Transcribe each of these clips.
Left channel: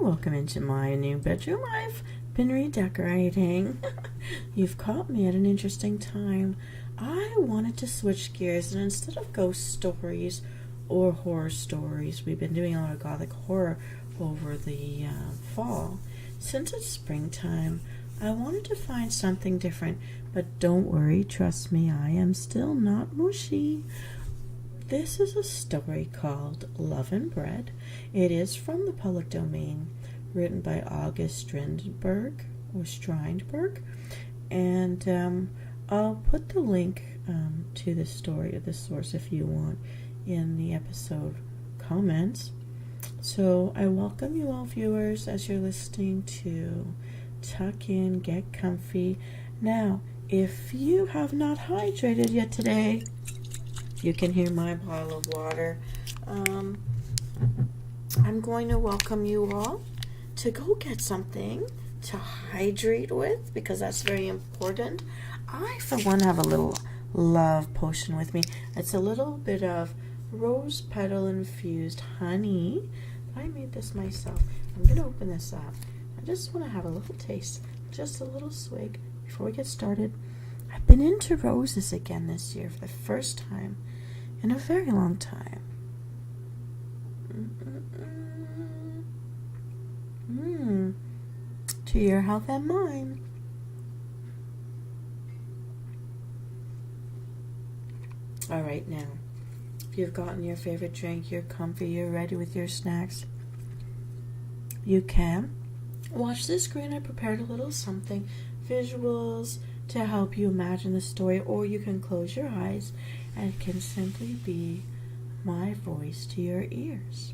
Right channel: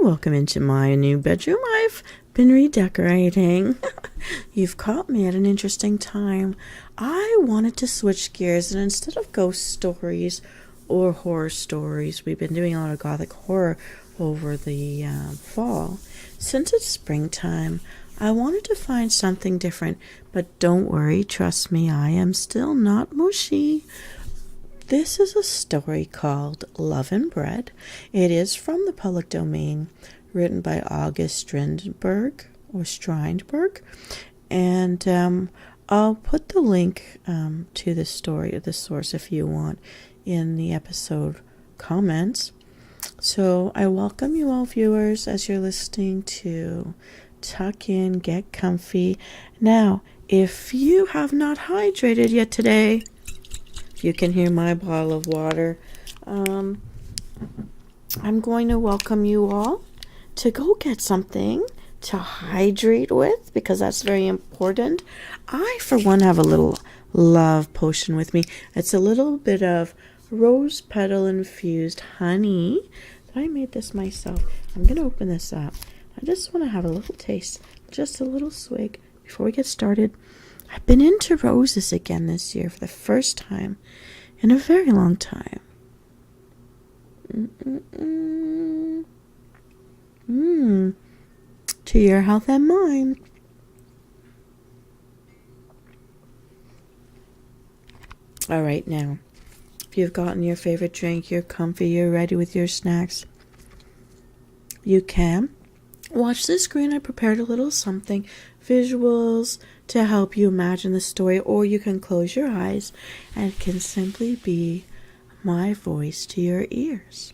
welcome into my new bedroom. I've been redecorating. You've caught me at an interesting time. I wanted to switch gears, and instead of ghost stories or horror stories, we've been doing a lot of gothic horror over the fall. Since it's springtime, I wanted to find something different, but don't worry, trust me, I am still not mushy. This is a story called Love and Bread. It is from the public domain, written by August Strindberg, and I'll put the link to the story or the source if you want in the episode comments. So I welcome you all, viewers, as you're listening to Tuck In, Get Comfy. Now, if you have not hydrated yet today, you can hear my bottle of water. I'm going to welcome you all to go get something to hydrate with, because that's very important. I, for one, have a little love potion with me. It's a little bit of rose petal infused honey. I made this myself. I'm going to open this up. I just want to have a little taste, just a little swig before we get started. I've been into roses again this year for the first time in a very long time. To your health and mine. All right, now, if you've gotten your favorite drink, you're comfy, you're ready with your snacks, you can watch the screen. I prepared a little something, visuals, to help you imagine the story, or you can close your eyes and it can simply be my voice to your ears.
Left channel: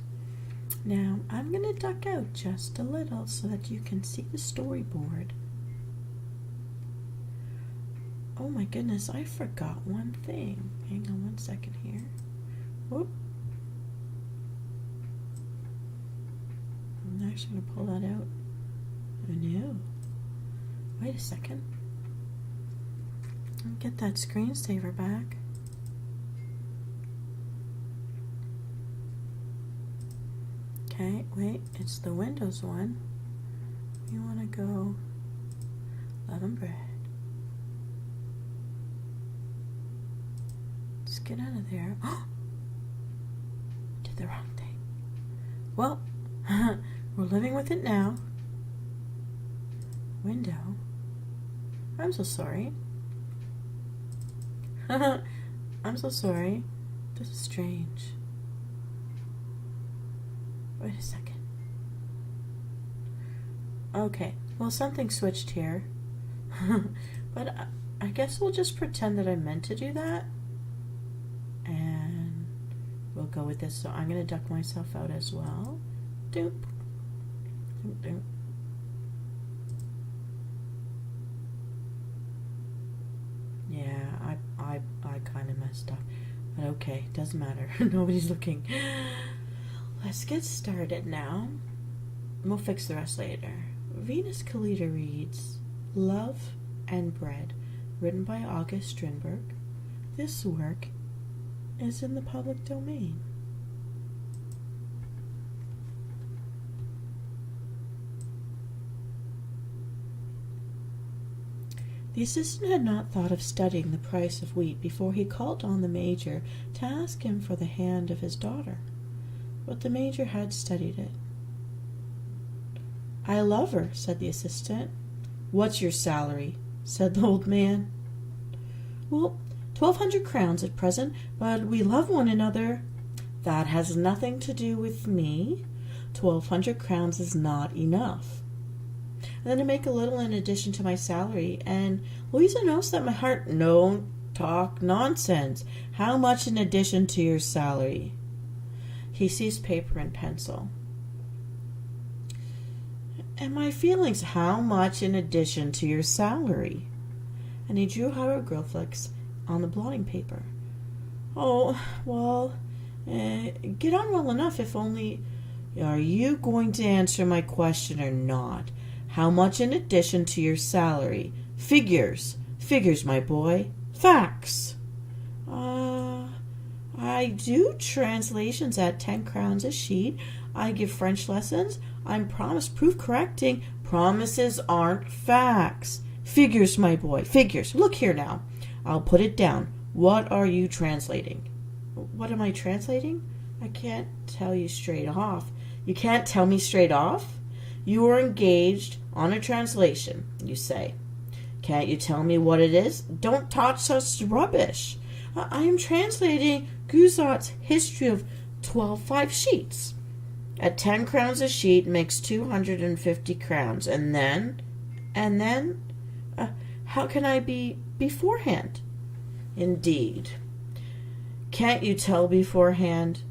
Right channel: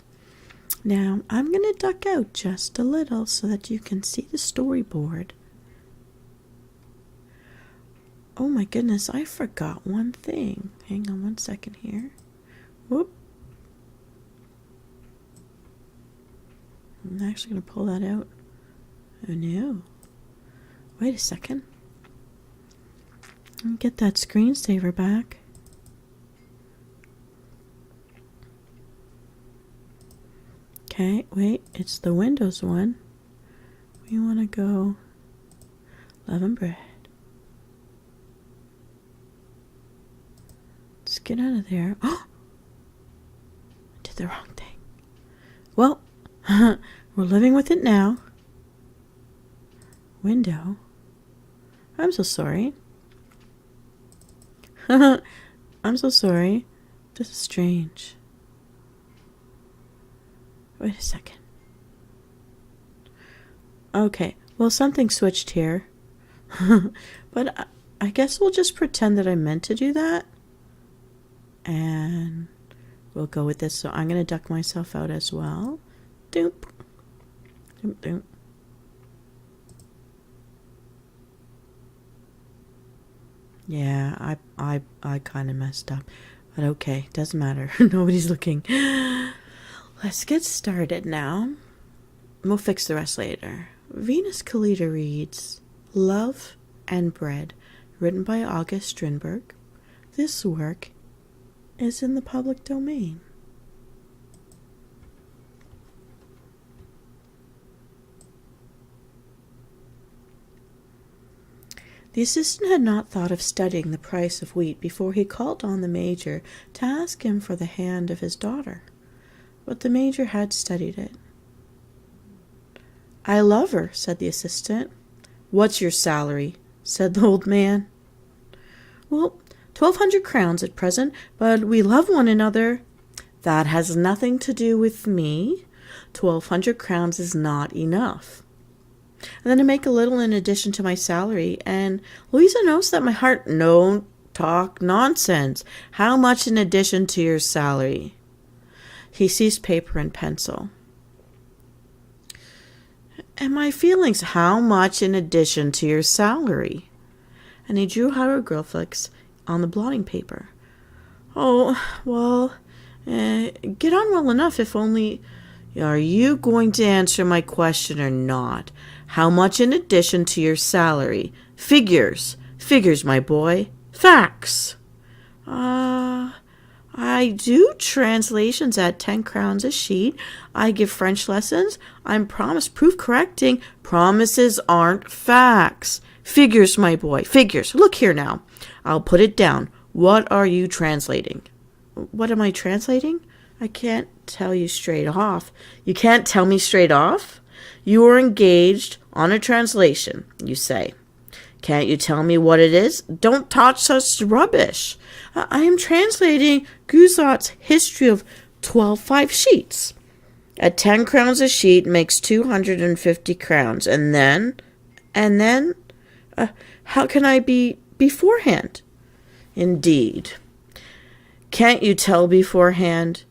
Now, I'm going to duck out just a little so that you can see the storyboard. Oh my goodness, I forgot one thing. Hang on one second here. Whoop. I'm actually going to pull that out. Oh no. Wait a second. Get that screensaver back. Okay, wait, it's the Windows one. We want to go Love and Bread. Let's get out of there. Oh! Did the wrong thing. Well, we're living with it now. Window. I'm so sorry. I'm so sorry. This is strange. Wait a second. Okay, well, something switched here. But I guess we'll just pretend that I meant to do that. And we'll go with this. So I'm going to duck myself out as well. Doop. Doop, doop. Yeah, I kind of messed up. But okay, doesn't matter. Nobody's looking. Let's get started now. We'll fix the rest later. Venus Kalita reads Love and Bread, written by August Strindberg. This work is in the public domain. The assistant had not thought of studying the price of wheat before he called on the major to ask him for the hand of his daughter. But the major had studied it. I love her, said the assistant. What's your salary? Said the old man. Well, 1,200 crowns at present, but we love one another. That has nothing to do with me. 1,200 crowns is not enough. And then to make a little in addition to my salary, and Louisa knows that my heart don't talk nonsense. How much in addition to your salary? He seized paper and pencil. And my feelings, how much in addition to your salary? And he drew hieroglyphics on the blotting paper. Oh, well, get on well enough, if only... Are you going to answer my question or not? How much in addition to your salary? Figures. Figures, my boy. Facts. I do translations at 10 crowns a sheet. I give French lessons. I'm promise proof correcting. Promises aren't facts. Figures, my boy, figures. Look here now. I'll put it down. What are you translating? What am I translating? I can't tell you straight off. You can't tell me straight off? You are engaged on a translation, you say. Can't you tell me what it is? Don't talk such rubbish. I am translating Guizot's History of 12 sheets. At 10 crowns a sheet makes 250 crowns. And then? How can I be beforehand? Indeed. Can't you tell beforehand?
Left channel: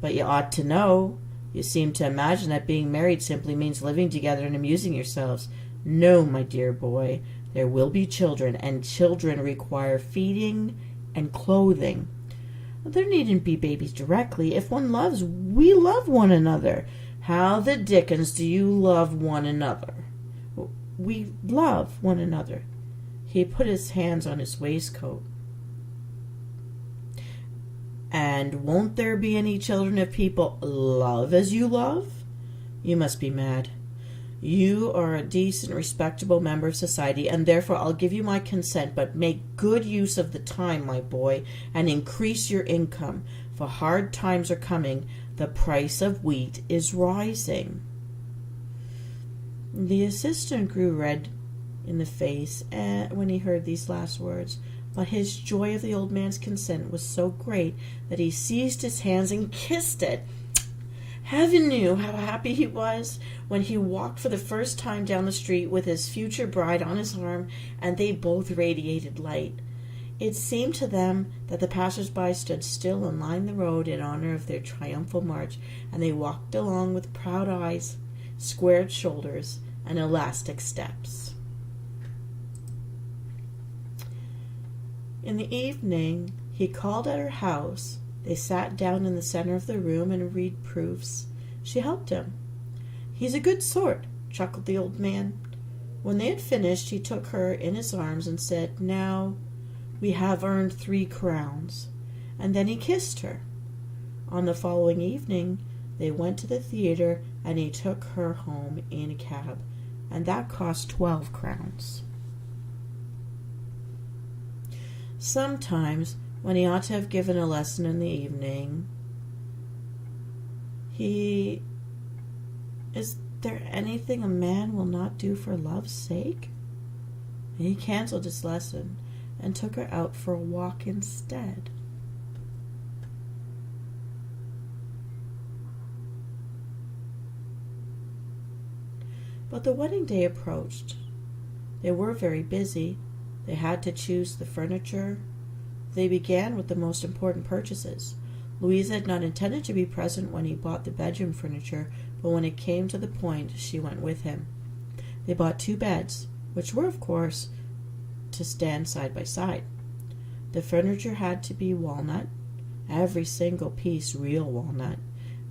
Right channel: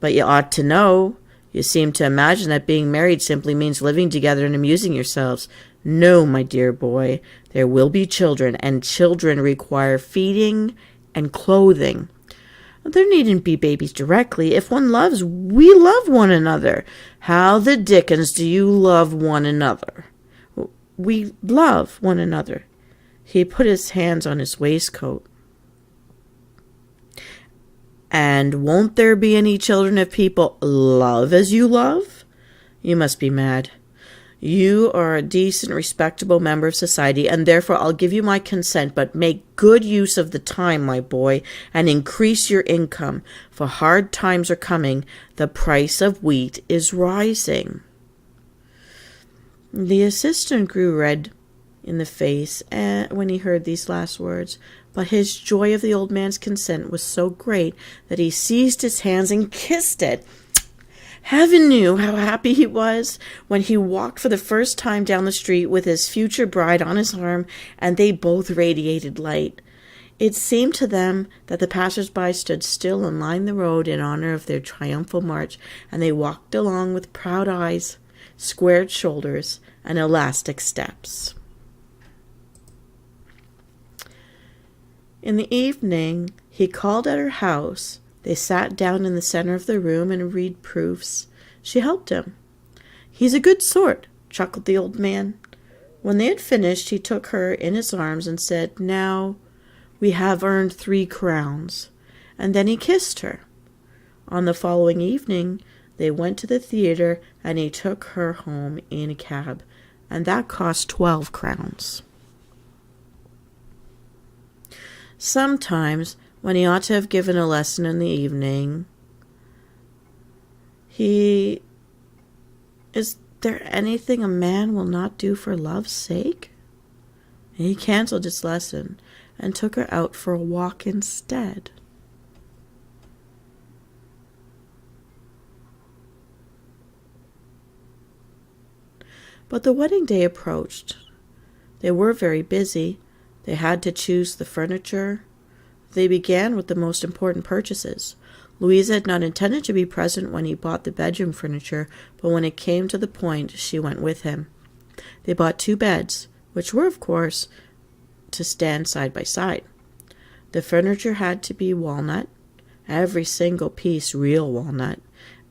But you ought to know. You seem to imagine that being married simply means living together and amusing yourselves. No, my dear boy, there will be children, and children require feeding and clothing. There needn't be babies directly. If one loves, we love one another. How the dickens do you love one another? We love one another. He put his hands on his waistcoat. And won't there be any children if people love as you love? You must be mad. You are a decent, respectable member of society, and therefore I'll give you my consent, but make good use of the time, my boy, and increase your income, for hard times are coming. The price of wheat is rising. The assistant grew red in the face when he heard these last words, but his joy of the old man's consent was so great that he seized his hands and kissed it. Heaven knew how happy he was when he walked for the first time down the street with his future bride on his arm, and they both radiated light. It seemed to them that the passers-by stood still and lined the road in honor of their triumphal march, and they walked along with proud eyes, squared shoulders, and elastic steps. In the evening, he called at her house. They sat down in the center of the room and read proofs. She helped him. He's a good sort, chuckled the old man. When they had finished, he took her in his arms and said, Now we have earned 3 crowns. And then he kissed her. On the following evening, they went to the theater, and he took her home in a cab, and that cost 12 crowns. Sometimes, when he ought to have given a lesson in the evening, is there anything a man will not do for love's sake? And he canceled his lesson and took her out for a walk instead. But the wedding day approached. They were very busy. They had to choose the furniture. They began with the most important purchases. Louisa had not intended to be present when he bought the bedroom furniture, but when it came to the point, she went with him. They bought 2 beds, which were, of course, to stand side by side. The furniture had to be walnut, every single piece real walnut,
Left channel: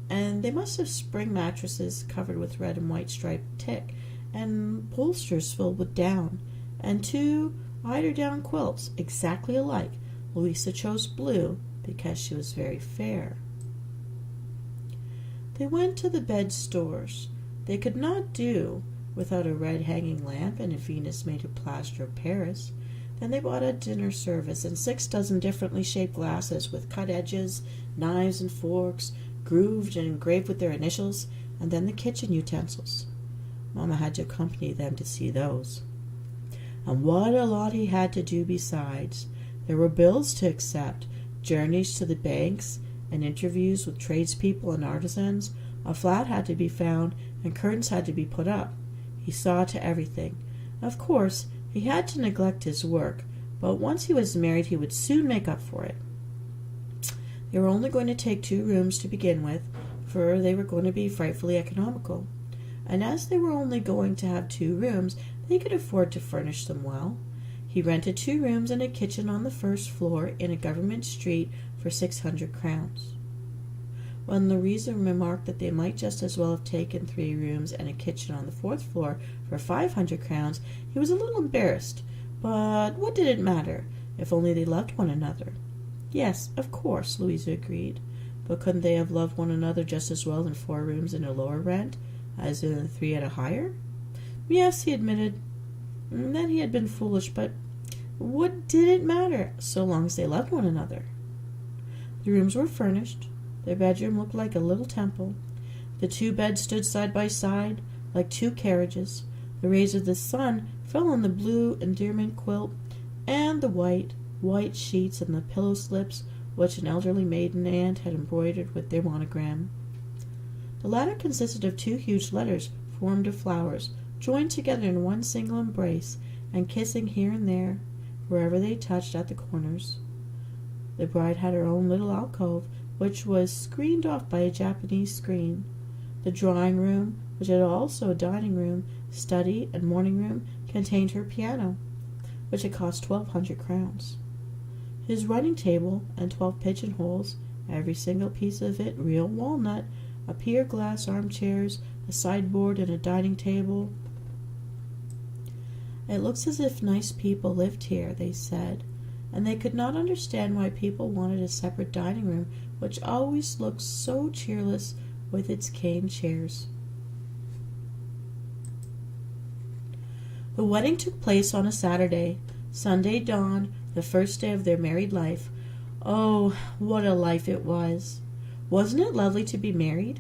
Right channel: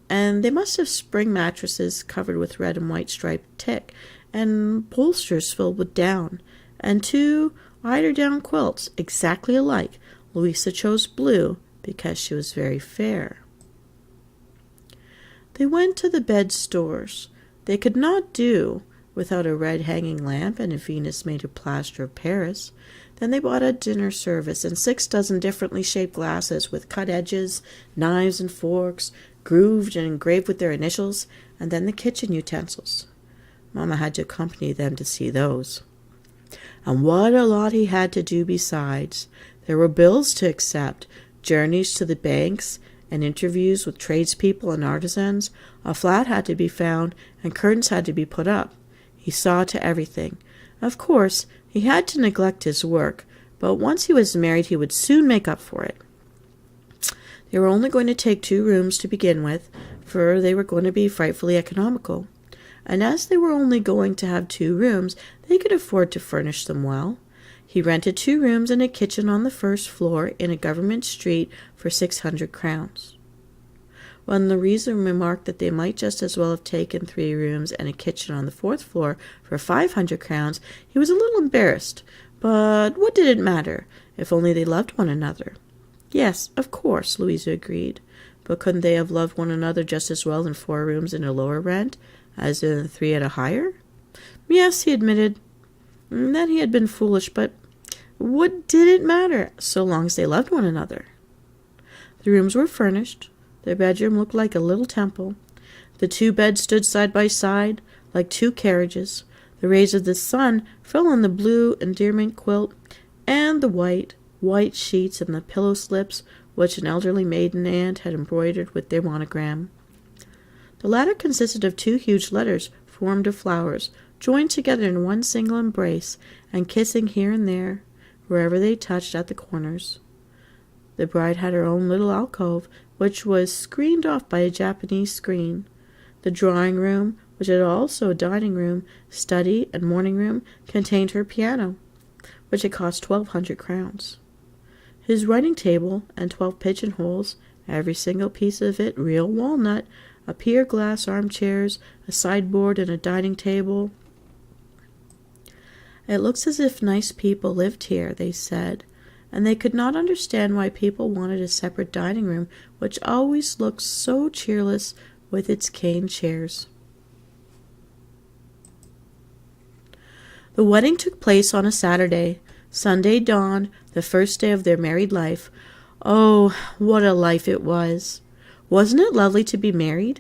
and they must have spring mattresses covered with red and white striped tick, and bolsters filled with down, and 2 eider-down quilts exactly alike. Louisa chose blue because she was very fair. They went to the bed stores. They could not do without a red hanging lamp and a Venus made of plaster of Paris. Then they bought a dinner service and 6 dozen differently shaped glasses with cut edges, knives and forks, grooved and engraved with their initials, and then the kitchen utensils. Mama had to accompany them to see those. And what a lot he had to do besides. There were bills to accept, journeys to the banks, and interviews with tradespeople and artisans. A flat had to be found, and curtains had to be put up. He saw to everything. Of course, he had to neglect his work, but once he was married, he would soon make up for it. They were only going to take 2 rooms to begin with, for they were going to be frightfully economical. And as they were only going to have 2 rooms, they could afford to furnish them well. He rented 2 rooms and a kitchen on the first floor in a government street for 600 crowns. When Louisa remarked that they might just as well have taken 3 rooms and a kitchen on the 4th floor for 500 crowns, he was a little embarrassed. But what did it matter, if only they loved one another? Yes, of course, Louisa agreed. But couldn't they have loved one another just as well in 4 rooms in a lower rent as in 3 at a higher? Yes, he admitted. That he had been foolish, but what did it matter, so long as they loved one another? The rooms were furnished. Their bedroom looked like a little temple. The 2 beds stood side by side, like 2 carriages. The rays of the sun fell on the blue endearment quilt and the white sheets and the pillow slips which an elderly maiden aunt had embroidered with their monogram. The latter consisted of 2 huge letters formed of flowers, joined together in one single embrace, and kissing here and there, wherever they touched at the corners. The bride had her own little alcove, which was screened off by a Japanese screen. The drawing room, which had also a dining room, study, and morning room, contained her piano, which had cost 1,200 crowns. His writing table and 12 pigeonholes, every single piece of it real walnut, a pier glass armchairs, a sideboard, and a dining table. It looks as if nice people lived here, they said, and they could not understand why people wanted a separate dining room, which always looked so cheerless with its cane chairs. The wedding took place on a Saturday. Sunday dawned, the first day of their married life. Oh, what a life it was! Wasn't it lovely to be married?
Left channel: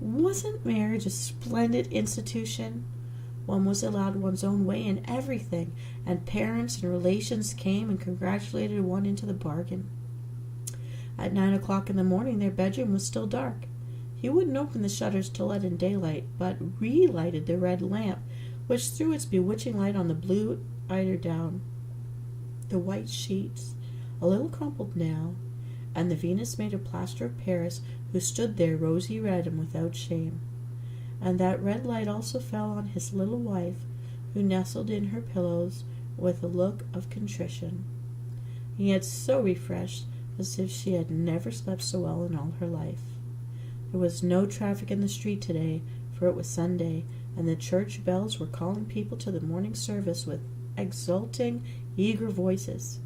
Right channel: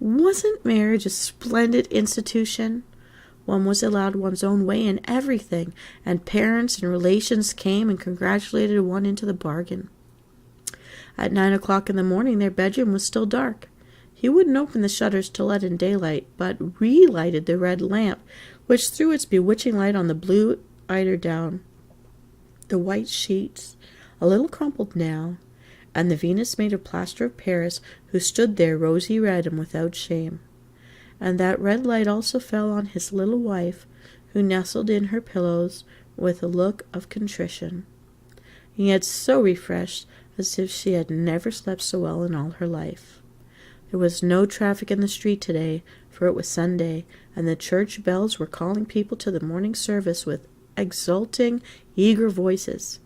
Wasn't marriage a splendid institution? One was allowed one's own way in everything, and parents and relations came and congratulated one into the bargain. At 9 o'clock in the morning, their bedroom was still dark. He wouldn't open the shutters to let in daylight, but relighted the red lamp, which threw its bewitching light on the blue eiderdown, the white sheets, a little crumpled now, and the Venus made of plaster of Paris, who stood there rosy red and without shame. And that red light also fell on his little wife, who nestled in her pillows with a look of contrition, and yet so refreshed as if she had never slept so well in all her life. There was no traffic in the street today, for it was Sunday, and the church bells were calling people to the morning service with exulting, eager voices,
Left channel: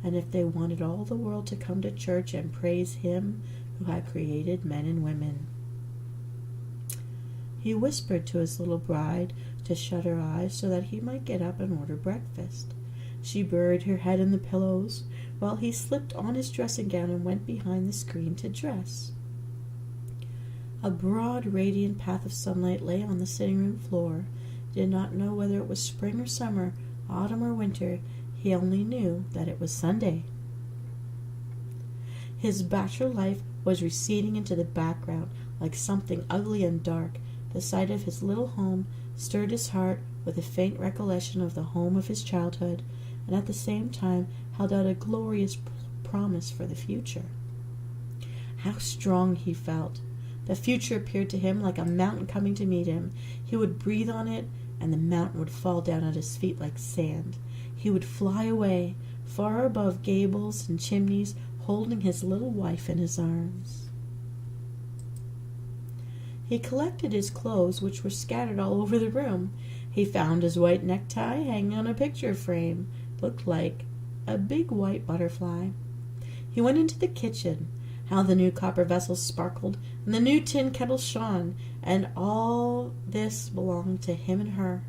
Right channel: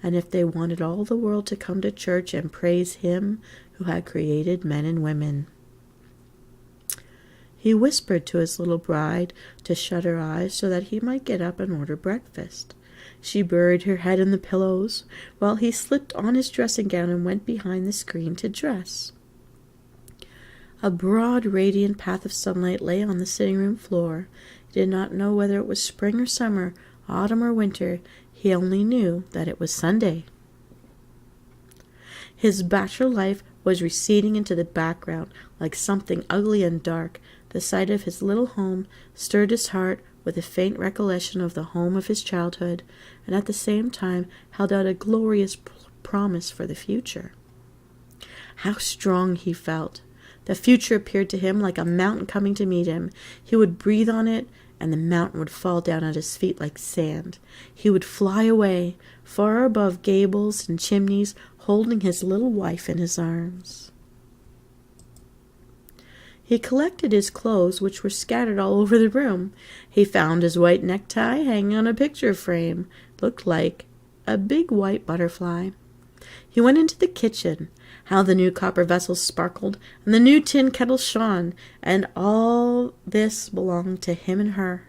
and if they wanted all the world to come to church and praise Him who had created men and women. He whispered to his little bride to shut her eyes so that he might get up and order breakfast. She buried her head in the pillows, while he slipped on his dressing gown and went behind the screen to dress. A broad, radiant path of sunlight lay on the sitting-room floor. He did not know whether it was spring or summer, autumn or winter. He only knew that it was Sunday. His bachelor life was receding into the background like something ugly and dark. The sight of his little home stirred his heart with a faint recollection of the home of his childhood, and at the same time held out a glorious promise for the future. How strong he felt! The future appeared to him like a mountain coming to meet him. He would breathe on it, and the mountain would fall down at his feet like sand. He would fly away, far above gables and chimneys, holding his little wife in his arms. He collected his clothes, which were scattered all over the room. He found his white necktie hanging on a picture frame. It looked like a big white butterfly. He went into the kitchen. How the new copper vessels sparkled, and the new tin kettle shone, and all this belonged to him and her.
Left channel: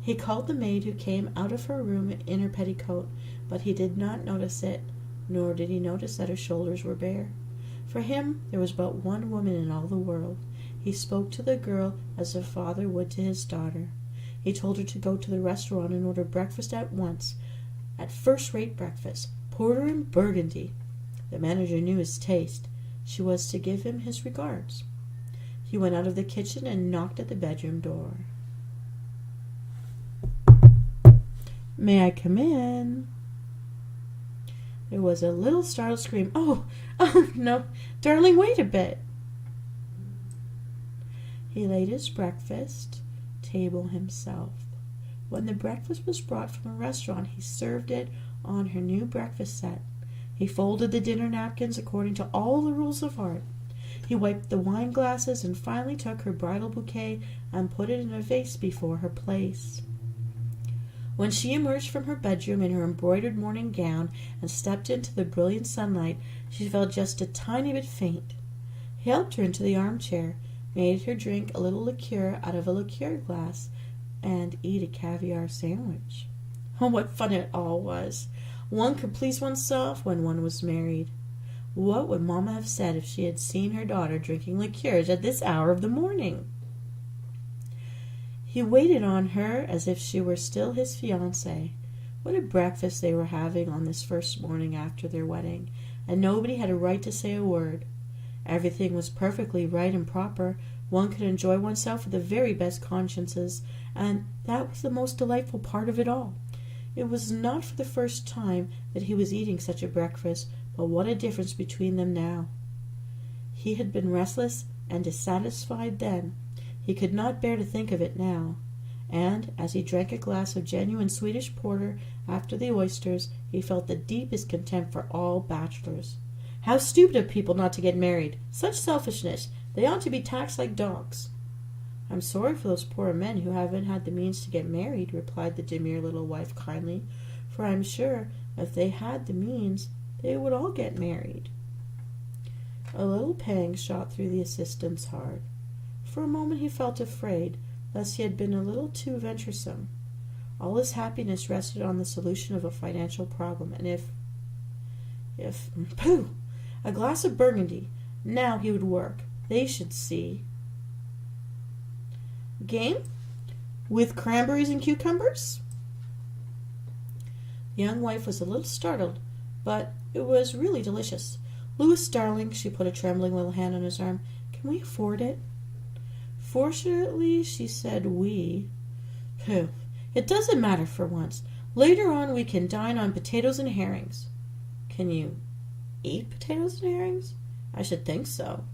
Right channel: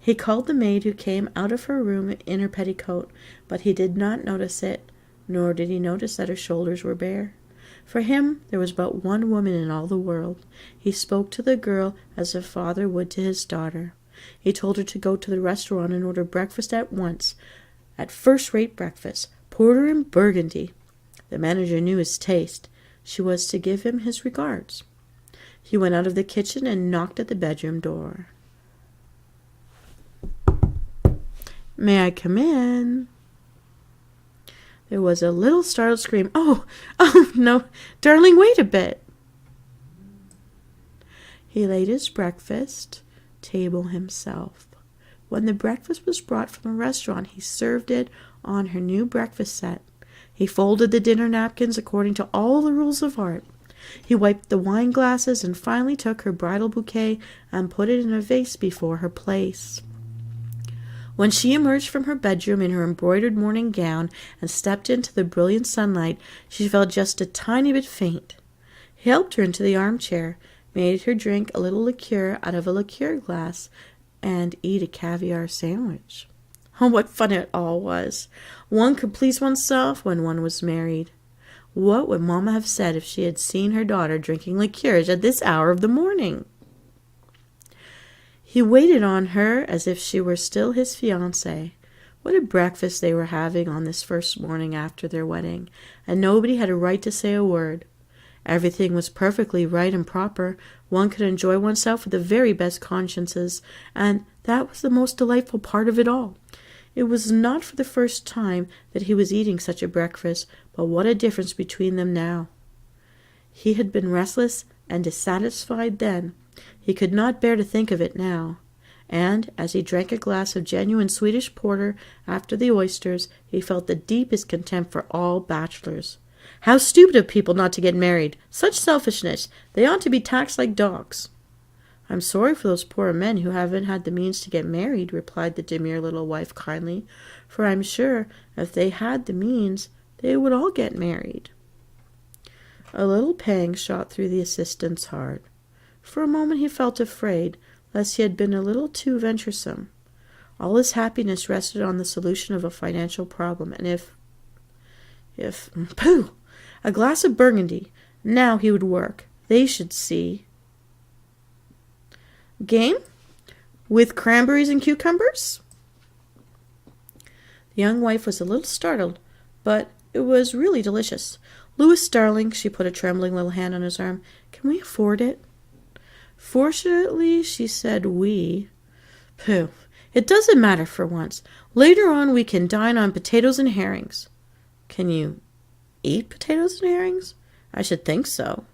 He called the maid who came out of her room in her petticoat, but he did not notice it, nor did he notice that her shoulders were bare. For him there was but one woman in all the world. He spoke to the girl as a father would to his daughter. He told her to go to the restaurant and order breakfast at once, at first-rate breakfast, porter and burgundy. The manager knew his taste. She was to give him his regards. He went out of the kitchen and knocked at the bedroom door. "May I come in?" There was a little startled scream. Oh, no, darling, wait a bit." He laid his breakfast table himself. When the breakfast was brought from the restaurant, he served it on her new breakfast set. He folded the dinner napkins according to all the rules of art. He wiped the wine glasses and finally took her bridal bouquet and put it in a vase before her place. When she emerged from her bedroom in her embroidered morning gown and stepped into the brilliant sunlight, she felt just a tiny bit faint. He helped her into the armchair, made her drink a little liqueur out of a liqueur glass, and eat a caviar sandwich. Oh, what fun it all was! One could please oneself when one was married. What would Mamma have said if she had seen her daughter drinking liqueurs at this hour of the morning? He waited on her as if she were still his fiancée. What a breakfast they were having on this first morning after their wedding, and nobody had a right to say a word. Everything was perfectly right and proper. One could enjoy oneself with the very best consciences, and that was the most delightful part of it all. It was not for the first time that he was eating such a breakfast, but what a difference between them now. He had been restless and dissatisfied then. He could not bear to think of it now. And, as he drank a glass of genuine Swedish porter after the oysters, he felt the deepest contempt for all bachelors. How stupid of people not to get married! Such selfishness! They ought to be taxed like dogs. I'm sorry for those poor men who haven't had the means to get married, replied the demure little wife kindly, for I'm sure if they had the means, they would all get married. A little pang shot through the assistant's heart. For a moment he felt afraid, lest he had been a little too venturesome. All his happiness rested on the solution of a financial problem, and pooh! A glass of Burgundy. Now he would work. They should see. Game? With cranberries and cucumbers? The young wife was a little startled, but it was really delicious. Louis, darling, she put a trembling little hand on his arm, can we afford it? Fortunately, she said we. Pooh, it doesn't matter for once. Later on we can dine on potatoes and herrings. Can you eat potatoes and herrings? I should think so.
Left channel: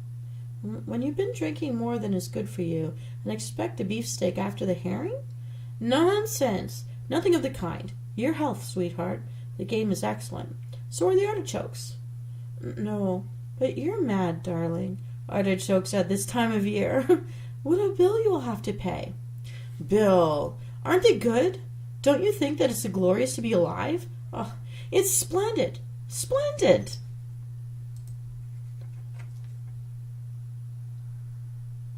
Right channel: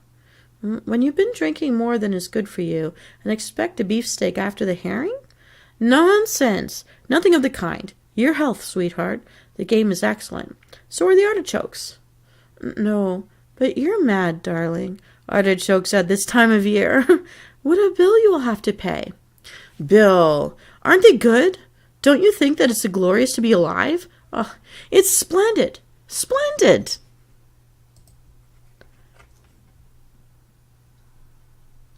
When you've been drinking more than is good for you, and expect a beefsteak after the herring? Nonsense! Nothing of the kind. Your health, sweetheart. The game is excellent. So are the artichokes. No, but you're mad, darling. Artichokes at this time of year. What a bill you will have to pay. Bill! Aren't they good? Don't you think that it's glorious to be alive? Oh, it's splendid! Splendid!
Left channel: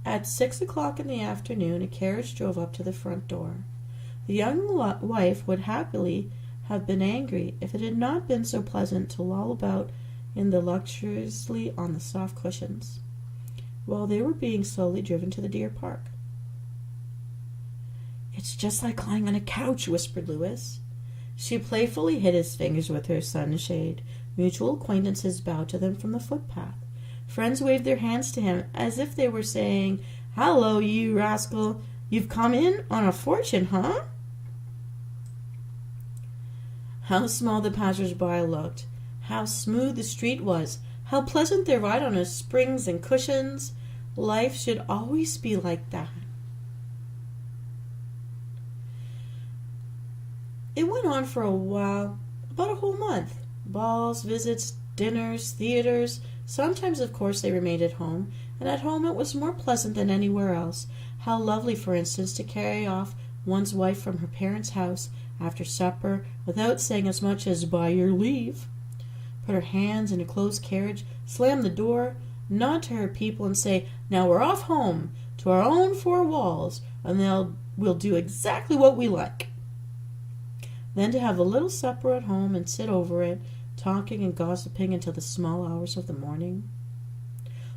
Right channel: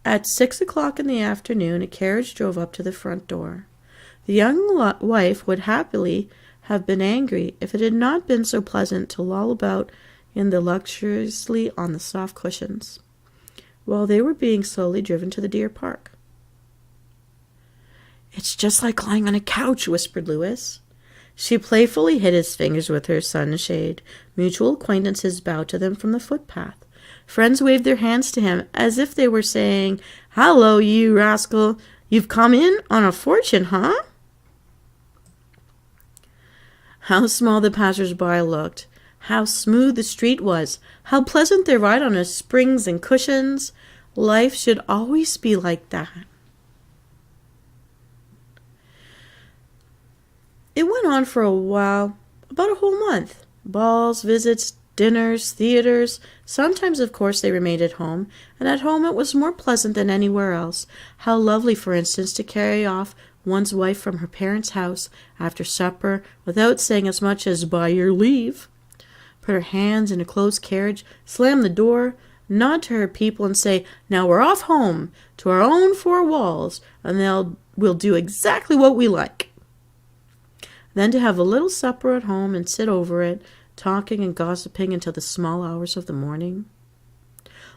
At 6 o'clock in the afternoon, a carriage drove up to the front door. The young wife would happily have been angry if it had not been so pleasant to loll about in the luxuriously on the soft cushions, while they were being slowly driven to the deer park. It's just like lying on a couch, whispered Louis. She playfully hid his fingers with her sunshade. Mutual acquaintances bowed to them from the footpath. Friends waved their hands to him as if they were saying, Hello, you rascal. You've come in on a fortune, huh? How small the passers-by looked. How smooth the street was. How pleasant their ride on the springs and cushions. Life should always be like that. It went on for a while, about a whole month. Balls, visits, dinners, theaters. Sometimes, of course, they remained at home, and at home it was more pleasant than anywhere else. How lovely, for instance, to carry off one's wife from her parents' house after supper without saying as much as by your leave. Put her hands in a closed carriage, slam the door, nod to her people and say, Now we're off home, to our own four walls, and we'll do exactly what we like. Then to have a little supper at home and sit over it, talking and gossiping until the small hours of the morning.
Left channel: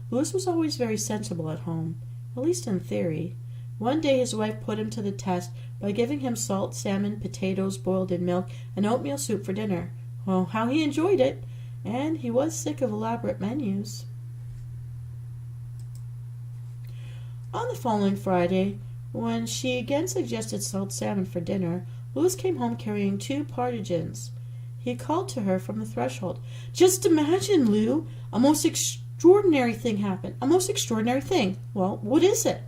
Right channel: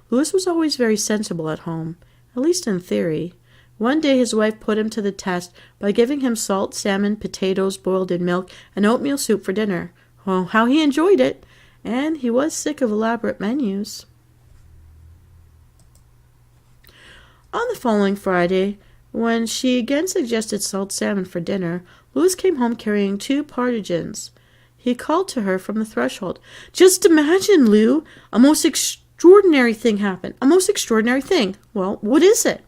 Louis was always very sensible at home, at least in theory. One day his wife put him to the test by giving him salt salmon, potatoes boiled in milk, and oatmeal soup for dinner. Oh, how he enjoyed it! And he was sick of elaborate menus. On the following Friday, when she again suggested salt salmon for dinner, Louis came home carrying 2 partridges. He called to her from the threshold. Just imagine, Lou, a most extraordinary thing happened. A most extraordinary thing. Well, what is it?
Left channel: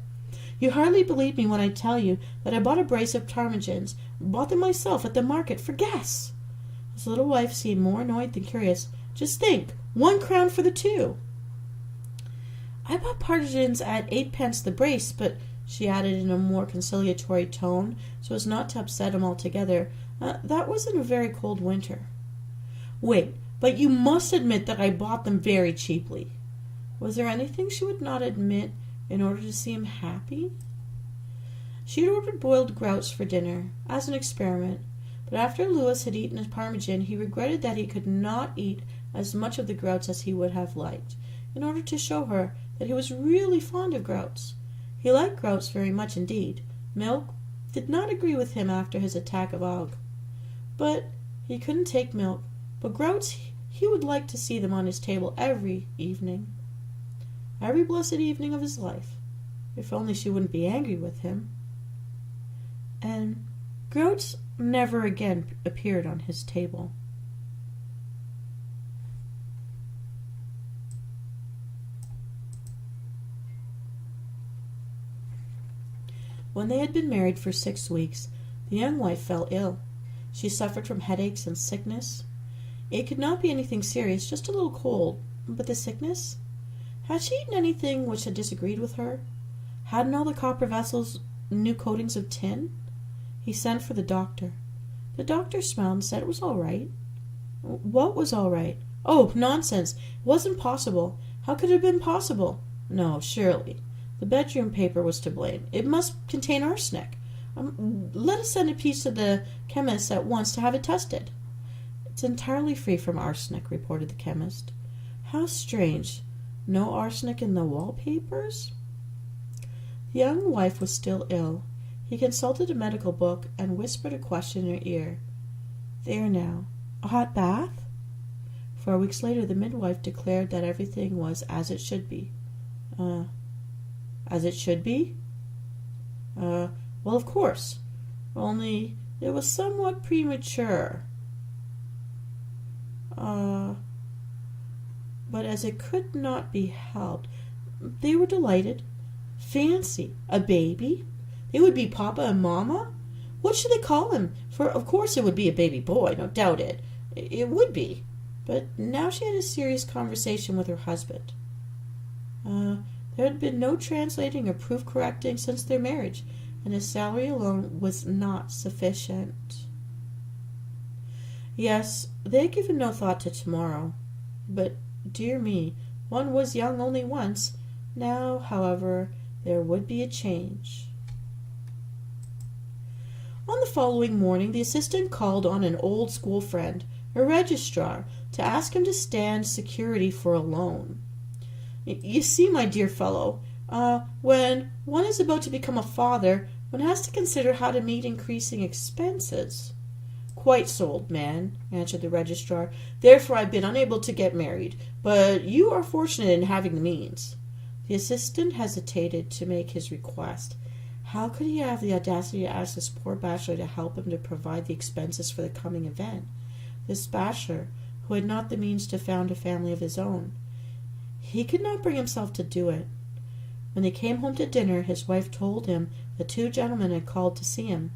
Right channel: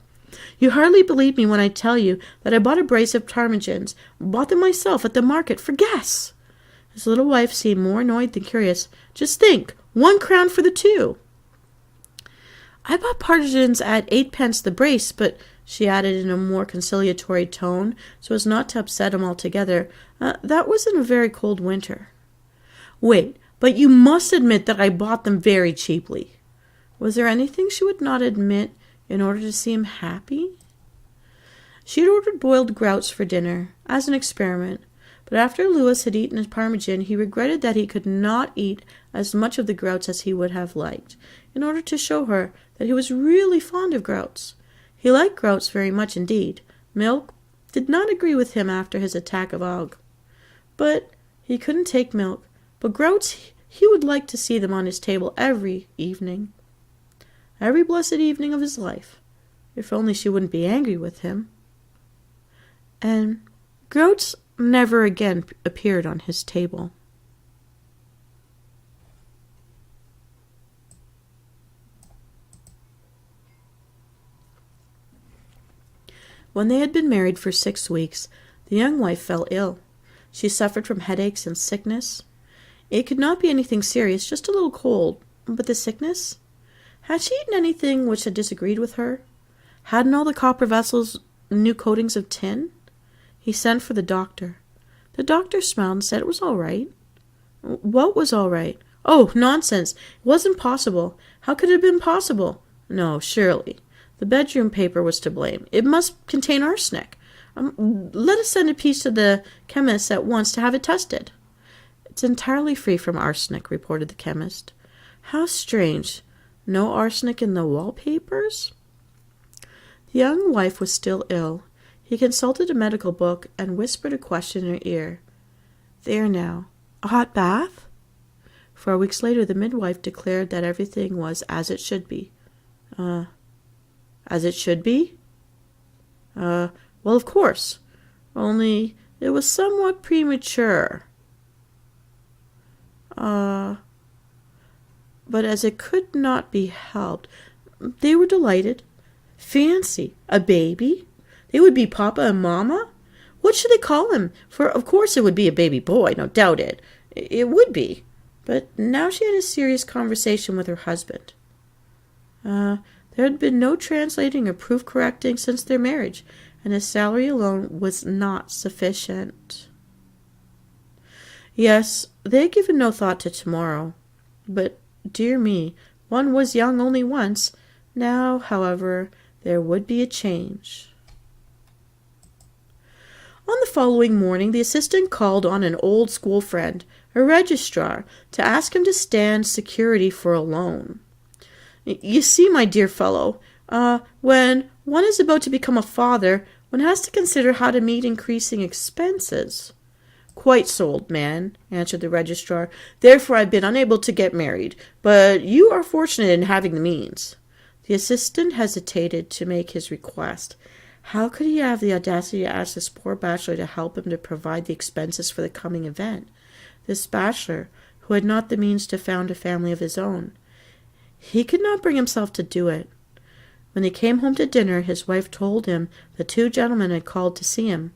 You hardly believe me when I tell you that I bought a brace of ptarmigans. Bought them myself at the market for guess. His little wife seemed more annoyed than curious. Just think, 1 crown for the 2. I bought partridges at 8 pence the brace, but she added in a more conciliatory tone, so as not to upset him altogether. That was in a very cold winter. Wait, but you must admit that I bought them very cheaply. Was there anything she would not admit in order to see him happy? She had ordered boiled grouse for dinner, as an experiment, but after Louis had eaten his parmesan, he regretted that he could not eat as much of the grouse as he would have liked, in order to show her that he was really fond of grouse. He liked grouse very much indeed. Milk did not agree with him after his attack of ague. But he couldn't take milk. But grouse, he would like to see them on his table every evening. Every blessed evening of his life. If only she wouldn't be angry with him. And grouse never again appeared on his table. When they had been married for 6 weeks, the young wife fell ill. She suffered from headaches and sickness. It could not be anything serious, just a little cold. But the sickness? Had she eaten anything which had disagreed with her? Hadn't all the copper vessels new coatings of tin? He sent for the doctor. The doctor smiled and said it was all right. What was all right? Oh, nonsense! It wasn't possible. How could it have been possible? No, surely. The bedroom paper was to blame. It must contain arsenic. Let us send a piece to the chemist at once to have it tested. It's entirely free from arsenic, reported the chemist. How strange. No arsenic in the wallpapers? The young wife was still ill. He consulted a medical book and whispered a question in her ear. There now. A hot bath? 4 weeks later, the midwife declared that everything was as it should be. As it should be? Well, of course. Only it was somewhat premature. But as it could not be helped, they were delighted. Fancy, a baby? They would be Papa and Mama? What should they call him? For of course it would be a baby boy, no doubt it. It would be. But now she had a serious conversation with her husband. There had been no translating or proof correcting since their marriage, and his salary alone was not sufficient. Yes, they had given no thought to tomorrow. But, dear me, one was young only once. Now, however, there would be a change. On the following morning, the assistant called on an old school friend, a registrar, to ask him to stand security for a loan. You see, my dear fellow, when one is about to become a father, one has to consider how to meet increasing expenses. Quite so, old man, answered the registrar. Therefore I've been unable to get married, but you are fortunate in having the means. The assistant hesitated to make his request. How could he have the audacity to ask this poor bachelor to help him to provide the expenses for the coming event? This bachelor, who had not the means to found a family of his own. He could not bring himself to do it. When he came home to dinner, his wife told him the 2 gentlemen had called to see him.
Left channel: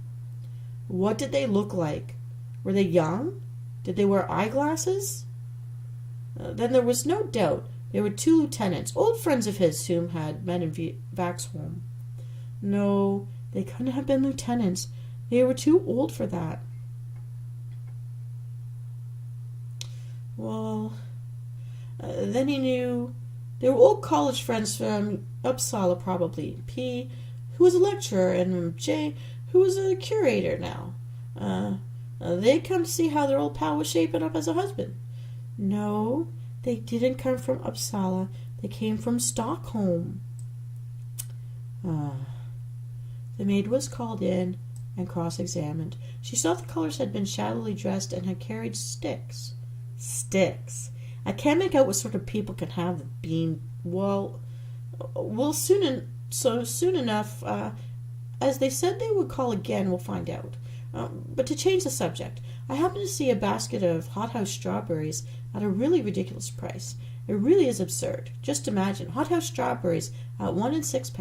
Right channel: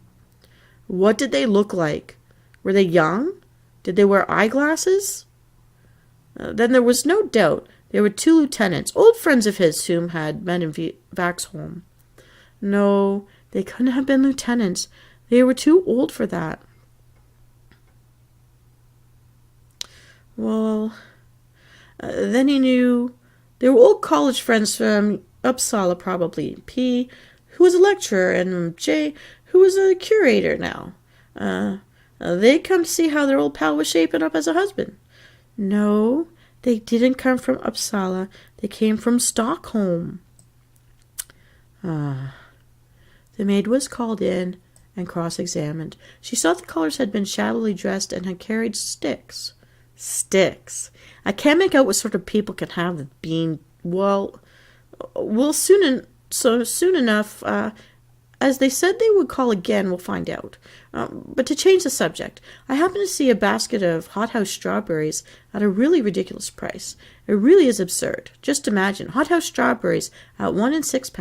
What did they look like? Were they young? Did they wear eyeglasses? Then there was no doubt they were 2 lieutenants, old friends of his whom had met in Vaxholm. No, they couldn't have been lieutenants. They were too old for that. Well, then he knew they were old college friends from Uppsala, probably. P, who was a lecturer, and J, who was a curator now. They'd come to see how their old pal was shaping up as a husband. No, they didn't come from Uppsala. They came from Stockholm. The maid was called in and cross-examined. She saw the callers had been shabbily dressed and had carried sticks. Sticks. I can't make out what sort of people can have being, soon enough, as they said they would call again, we'll find out. But to change the subject, I happened to see a basket of hothouse strawberries at a really ridiculous price. It really is absurd. Just imagine, hothouse strawberries at 1 and 6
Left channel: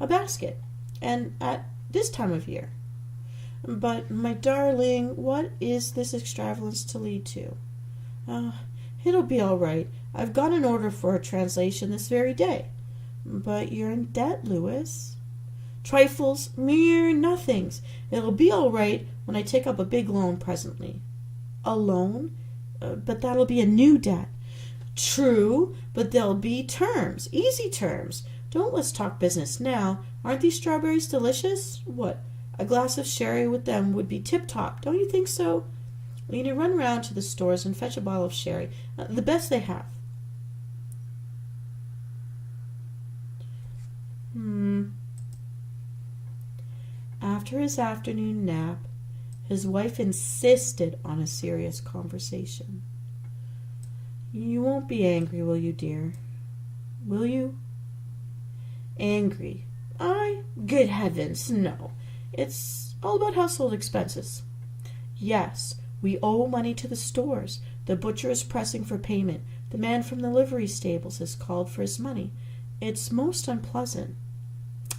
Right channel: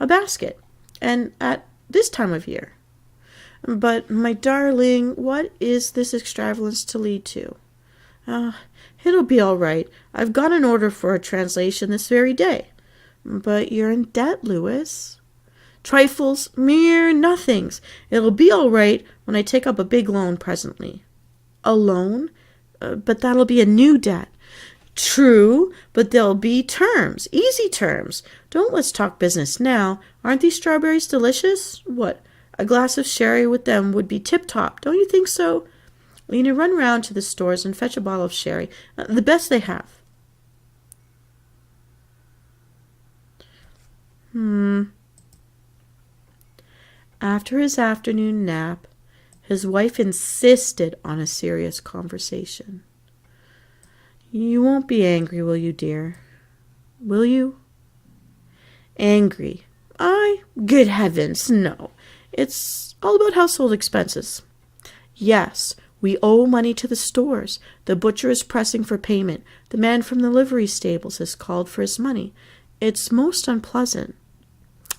a basket, and at this time of year. But, my darling, what is this extravagance to lead to? It'll be all right. I've got an order for a translation this very day. But you're in debt, Louis. Trifles, mere nothings. It'll be all right when I take up a big loan presently. A loan? But that'll be a new debt. True, but there'll be terms, easy terms. Don't let's talk business now. Aren't these strawberries delicious? What, a glass of sherry with them would be tip-top, don't you think so? We need to run round to the stores and fetch a bottle of sherry, the best they have. After his afternoon nap, his wife insisted on a serious conversation. You won't be angry, will you, dear? Will you? Angry? Good heavens, no. It's all about household expenses. Yes, we owe money to the stores. The butcher is pressing for payment. The man from the livery stables has called for his money. It's most unpleasant.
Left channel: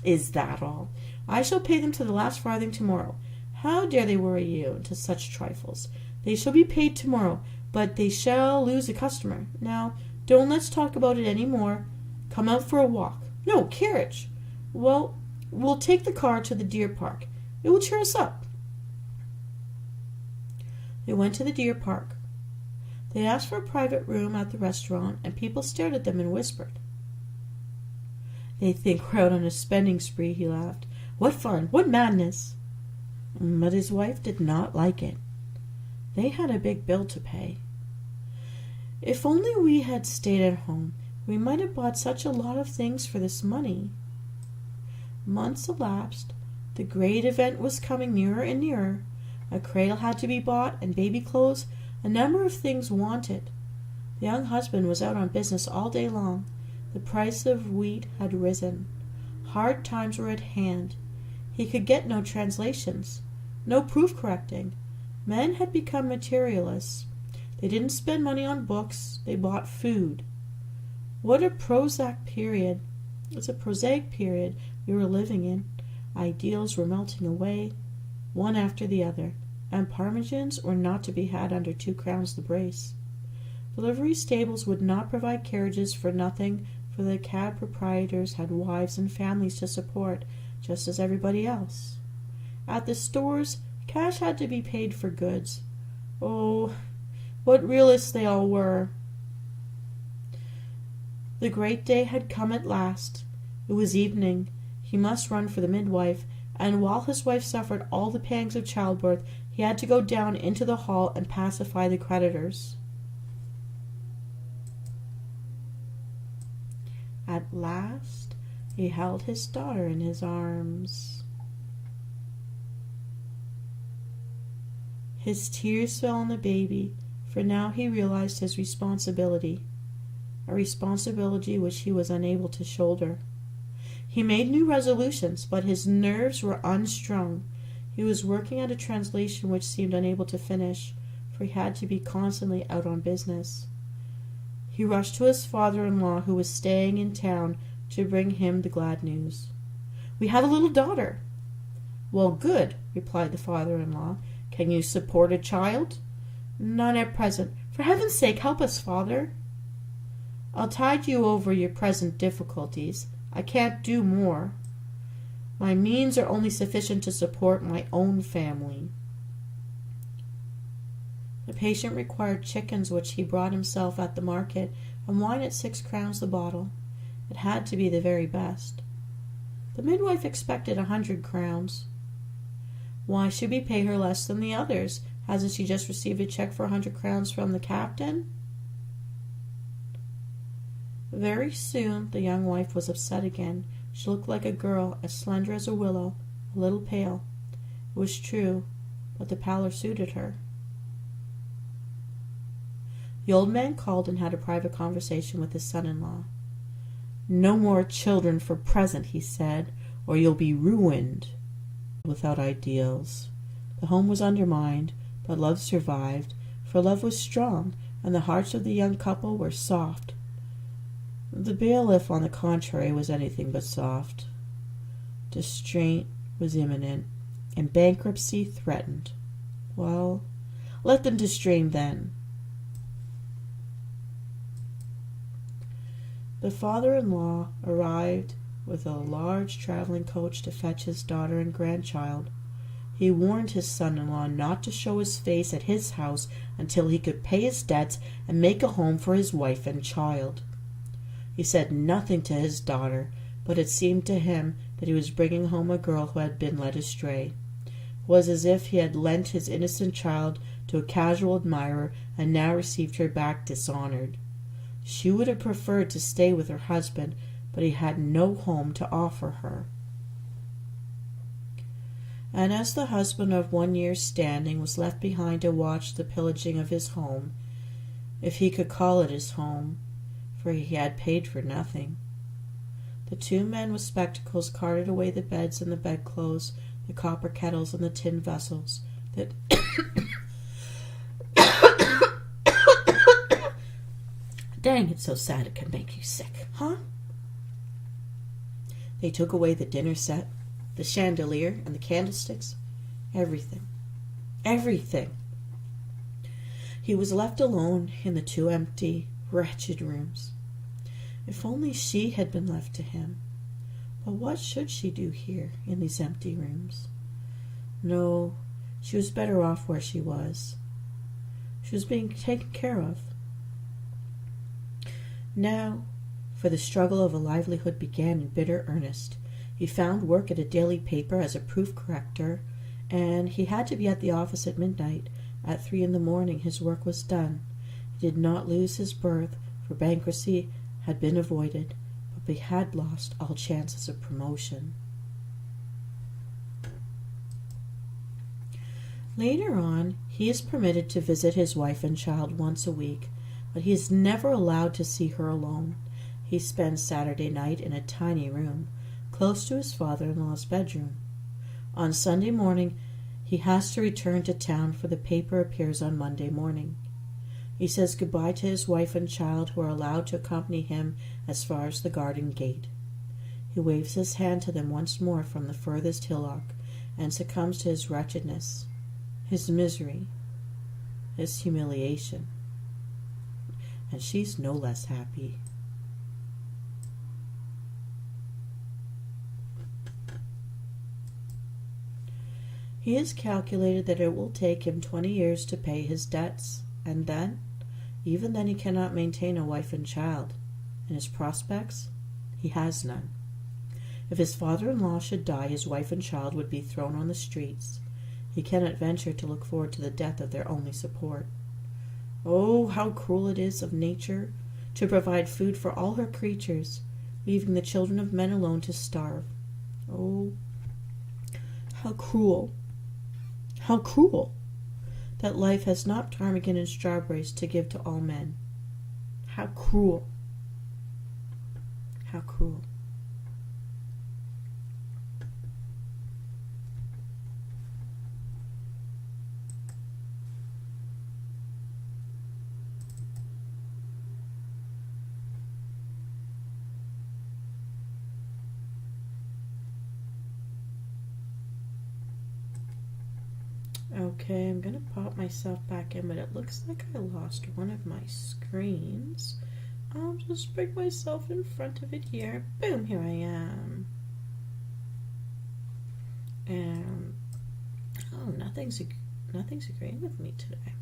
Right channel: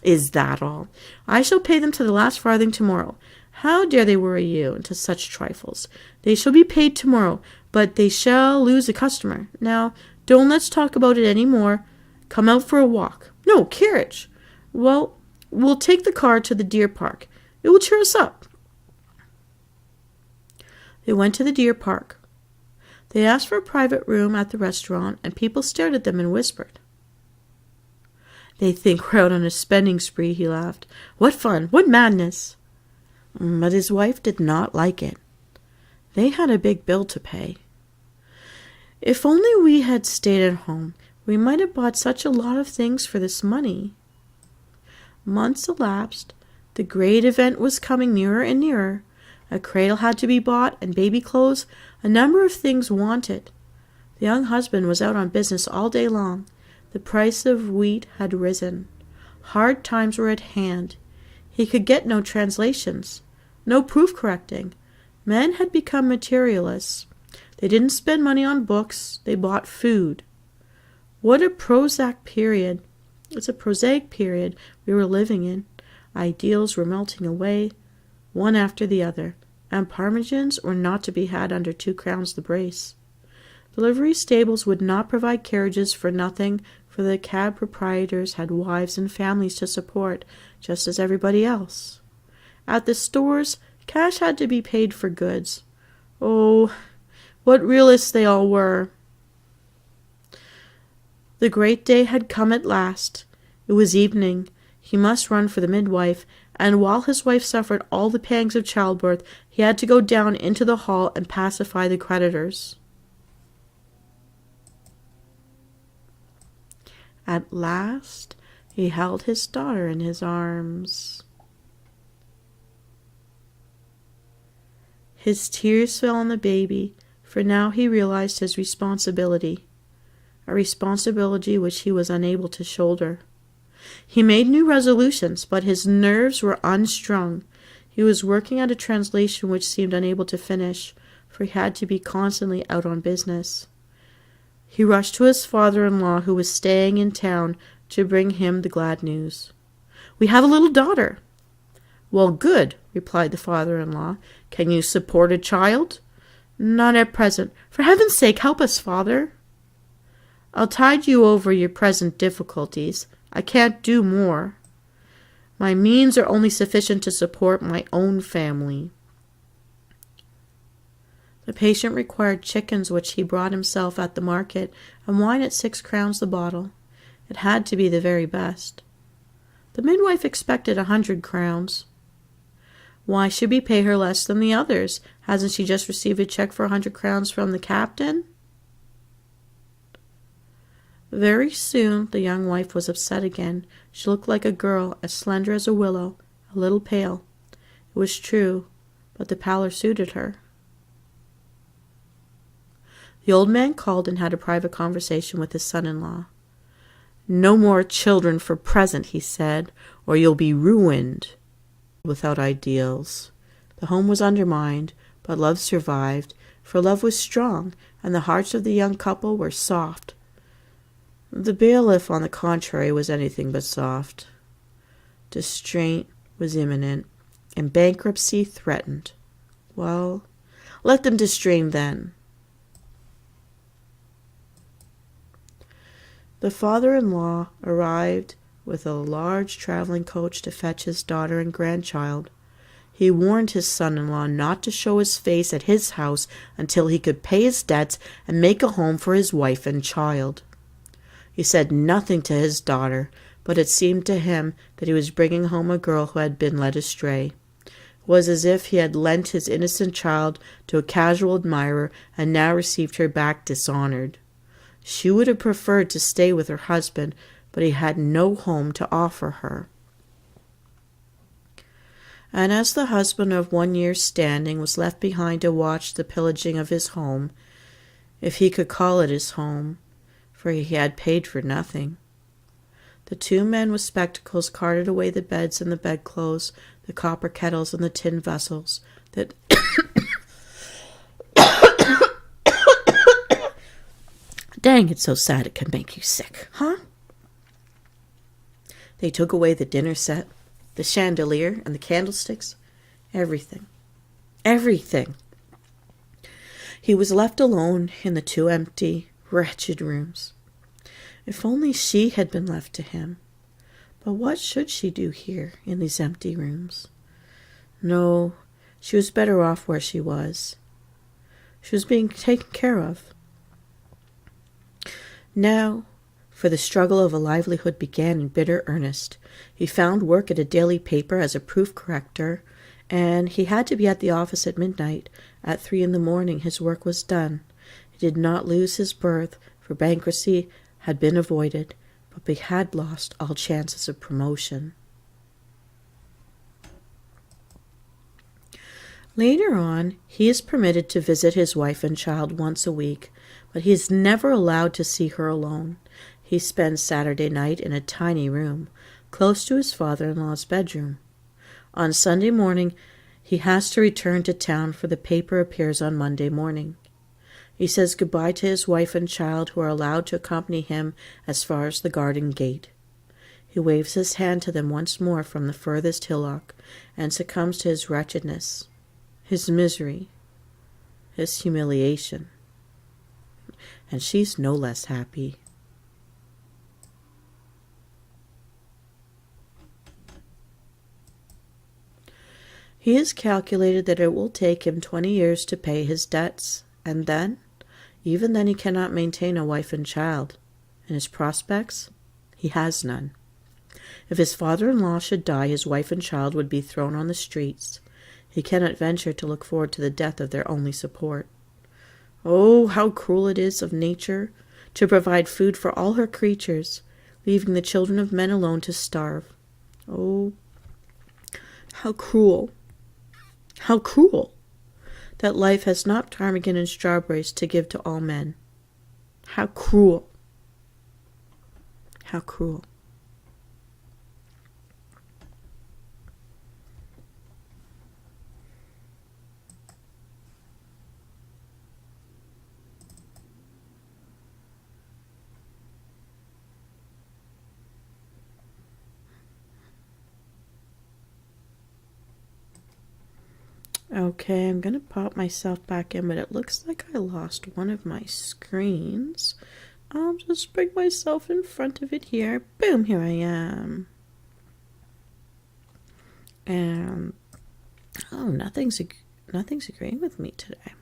Is that all? I shall pay them to the last farthing tomorrow. How dare they worry you into such trifles? They shall be paid tomorrow, but they shall lose a customer. Now, don't let's talk about it any more. Come out for a walk. No, carriage. Well, we'll take the car to the deer park. It will cheer us up. They went to the deer park. They asked for a private room at the restaurant, and people stared at them and whispered. They think we're out on a spending spree, he laughed. What fun, what madness. But his wife did not like it. They had a big bill to pay. If only we had stayed at home, we might have bought such a lot of things for this money. Months elapsed. The great event was coming nearer and nearer. A cradle had to be bought, and baby clothes, a number of things wanted. The young husband was out on business all day long. The price of wheat had risen. Hard times were at hand. He could get no translations, no proof correcting. Men had become materialists. They didn't spend money on books, they bought food. What a prosaic period. It's a prosaic period we were living in. Ideals were melting away, one after the other, and parmesans were not to be had under 2 crowns the brace. The livery stables would not provide carriages for nothing, for the cab proprietors had wives and families to support, just as everybody else. At the stores, cash had to be paid for goods. Oh, what realists they all were! The great day had come at last. It was evening. He must run for the midwife, and while his wife suffered all the pangs of childbirth, he had to go down into the hall and pacify the creditors. At last, he held his daughter in his arms. His tears fell on the baby, for now he realized his responsibility, a responsibility which he was unable to shoulder. He made new resolutions, but his nerves were unstrung. He was working at a translation which seemed unable to finish, for he had to be constantly out on business. He rushed to his father-in-law, who was staying in town, to bring him the glad news. "We have a little daughter." "Well, good," replied the father-in-law. "Can you support a child?" "Not at present. For heaven's sake, help us, father." "I'll tide you over your present difficulties. I can't do more. My means are only sufficient to support my own family." The patient required chickens, which he brought himself at the market, and wine at 6 crowns the bottle. It had to be the very best. The midwife expected 100 crowns. Why should we pay her less than the others? Hasn't she just received a check for 100 crowns from the captain? Very soon the young wife was upset again. She looked like a girl, as slender as a willow, a little pale. It was true, but the pallor suited her. The old man called and had a private conversation with his son-in-law. "No more children for present," he said, "or you'll be ruined." Without ideals. The home was undermined, but love survived, for love was strong, and the hearts of the young couple were soft. The bailiff, on the contrary, was anything but soft. Distraint was imminent, and bankruptcy threatened. Well, let them distrain then. The father-in-law arrived with a large traveling coach to fetch his daughter and grandchild. He warned his son-in-law not to show his face at his house until he could pay his debts and make a home for his wife and child. He said nothing to his daughter, but it seemed to him that he was bringing home a girl who had been led astray. It was as if he had lent his innocent child to a casual admirer and now received her back dishonored. She would have preferred to stay with her husband, but he had no home to offer her. And as the husband of 1 year's standing was left behind to watch the pillaging of his home, if he could call it his home, for he had paid for nothing, the two men with spectacles carted away the beds and the bedclothes, the copper kettles and the tin vessels that Dang, it's so sad it can make you sick, huh? They took away the dinner set, the chandelier and the candlesticks, everything. Everything. He was left alone in the two empty, wretched rooms. If only she had been left to him. But what should she do here in these empty rooms? No, she was better off where she was. She was being taken care of. Now, for the struggle of a livelihood began in bitter earnest. He found work at a daily paper as a proof corrector, and he had to be at the office at midnight. At 3 a.m, his work was done. He did not lose his berth, for bankruptcy had been avoided, but he had lost all chances of promotion. Later on, he is permitted to visit his wife and child once a week, but he is never allowed to see her alone. He spends Saturday night in a tiny room, close to his father-in-law's bedroom. On Sunday morning, he has to return to town, for the paper appears on Monday morning. He says goodbye to his wife and child, who are allowed to accompany him as far as the garden gate. He waves his hand to them once more from the furthest hillock, and succumbs to his wretchedness, his misery, his humiliation. And she's no less happy. He has calculated that it will take him 20 years to pay his debts, and then, even then, he cannot maintain a wife and child. And his prospects? He has none. If his father-in-law should die, his wife and child would be thrown on the streets. He cannot venture to look forward to the death of their only support. Oh, how cruel it is of nature to provide food for all her creatures, leaving the children of men alone to starve. Oh, how cruel! How cruel that life has not ptarmigan and strawberries to give to all men. How cruel. How cruel. Okay, I'm going to pop myself back in, but it looks like I lost one of my screens. I'll just bring myself in front of it here. Boom, here I am. And, oh, nothing's agreeing with me today.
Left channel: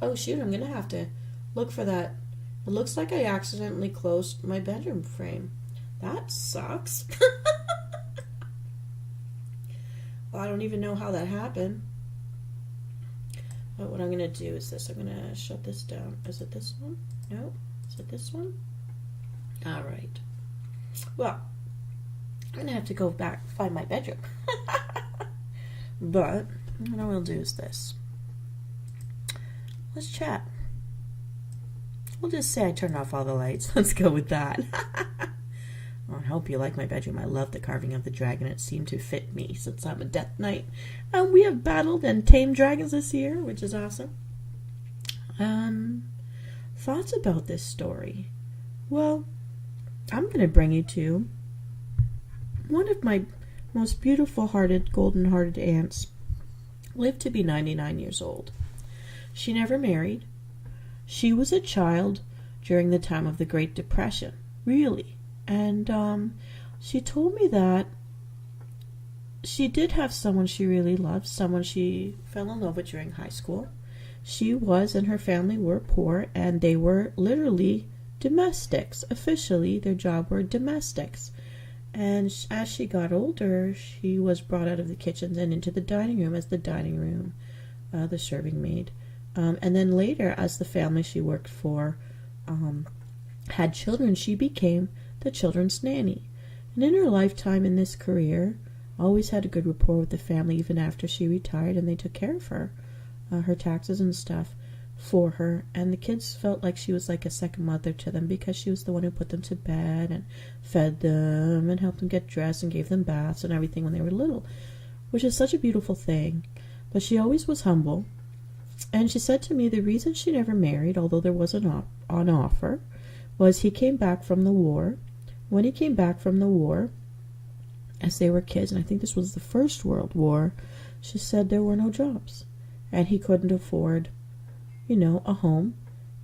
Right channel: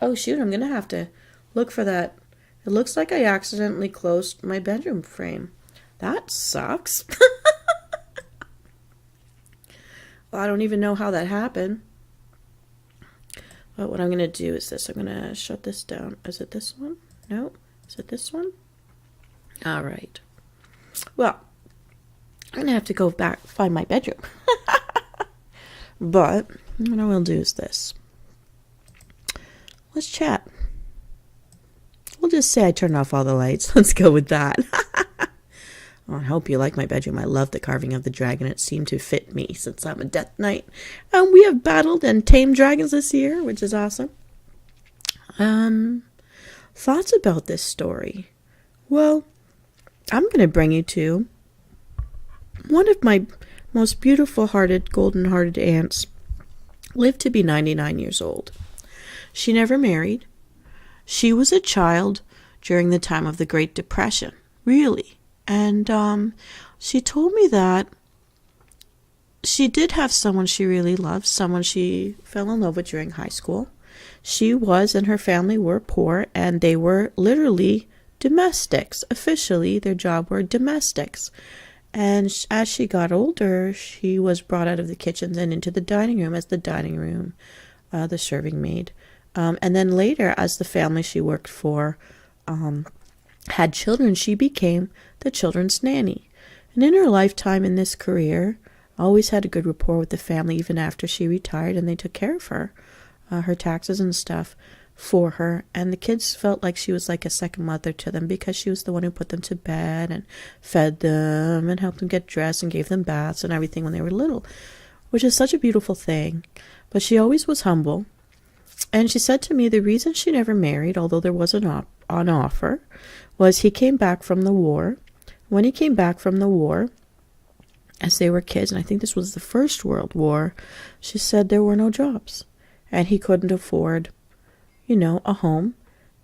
Oh, shoot, I'm going to have to look for that. It looks like I accidentally closed my bedroom frame. That sucks. Well, I don't even know how that happened. But what I'm going to do is this. I'm going to shut this down. Is it this one? No. Is it this one? All right. Well, I'm going to have to go back find my bedroom. But what I will do is this. Let's chat. We'll just say I turned off all the lights. Let's go with that. I hope you like my bedroom. I love the carving of the dragon. It seemed to fit me since I'm a Death Knight. And we have battled and tamed dragons this year, which is awesome. Thoughts about this story? Well, I'm going to bring you to one of my most beautiful-hearted, golden-hearted aunts. Lived to be 99 years old. She never married. She was a child during the time of the Great Depression, really. And she told me that she did have someone she really loved, someone she fell in love with during high school. She was and her family were poor, and they were literally domestics. Officially, their job were domestics. And as she got older, she was brought out of the kitchen and into the dining room as the serving maid. And then later, as the family she worked for had children, she became the children's nanny. And in her lifetime in this career, always had a good rapport with the family even after she retired, and they took care of her, her taxes and stuff for her. And the kids felt like she was like a second mother to them because she was the one who put them to bed and fed them and helped them get dressed and gave them baths and everything when they were little, which is such a beautiful thing. But she always was humble. And she said to me the reason she never married, although there was an offer, was he came back from the war. When he came back from the war, as they were kids, and I think this was the First World War, she said there were no jobs. And he couldn't afford, a home.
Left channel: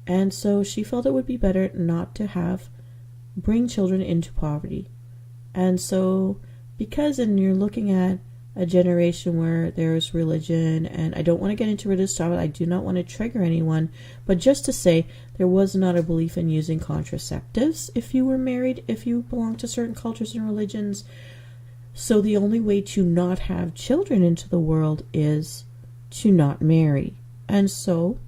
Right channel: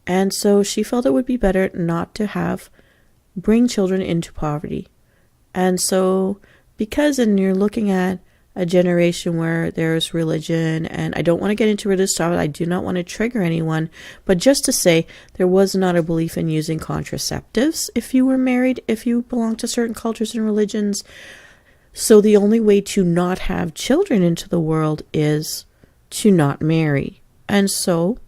And so she felt it would be better not to bring children into poverty. And so, and you're looking at a generation where there's religion, and I don't want to get into religious stuff, I do not want to trigger anyone, but just to say there was not a belief in using contraceptives if you were married, if you belong to certain cultures and religions. So the only way to not have children into the world is to not marry. And so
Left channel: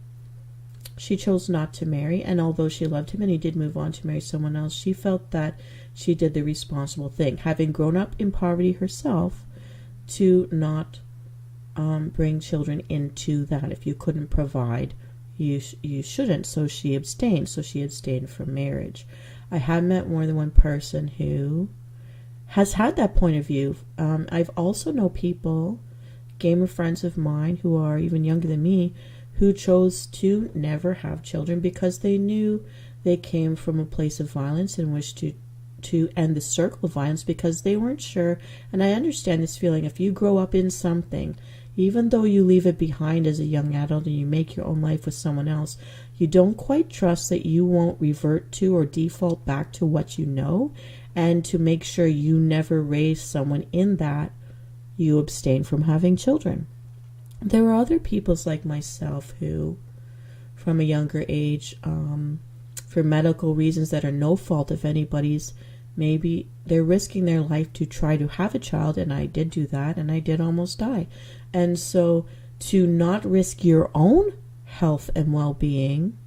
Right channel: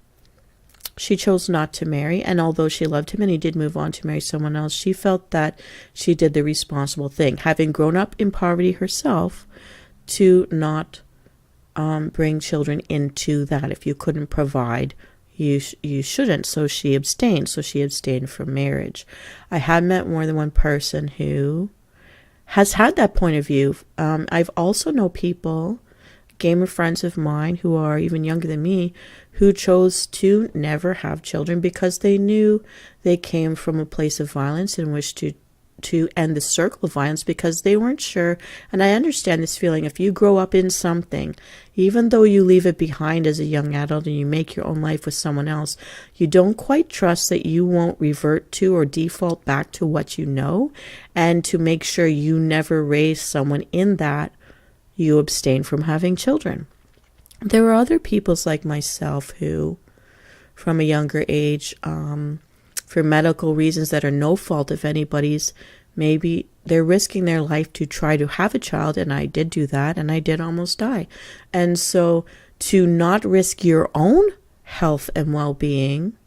she chose not to marry, and although she loved him and he did move on to marry someone else, she felt that she did the responsible thing, having grown up in poverty herself, to not bring children into that. If you couldn't provide, you shouldn't. So she abstained. So she abstained from marriage. I have met more than one person who has had that point of view. I've also known people, gamer friends of mine who are even younger than me, who chose to never have children because they knew they came from a place of violence and wished to end the circle of violence because they weren't sure. And I understand this feeling. If you grow up in something, even though you leave it behind as a young adult and you make your own life with someone else, you don't quite trust that you won't revert to or default back to what you know. And to make sure you never raise someone in that, you abstain from having children. There are other peoples like myself who, from a younger age, for medical reasons that are no fault of anybody's, maybe they're risking their life to try to have a child, and I did do that, and I did almost die. And so to not risk your own health and well-being,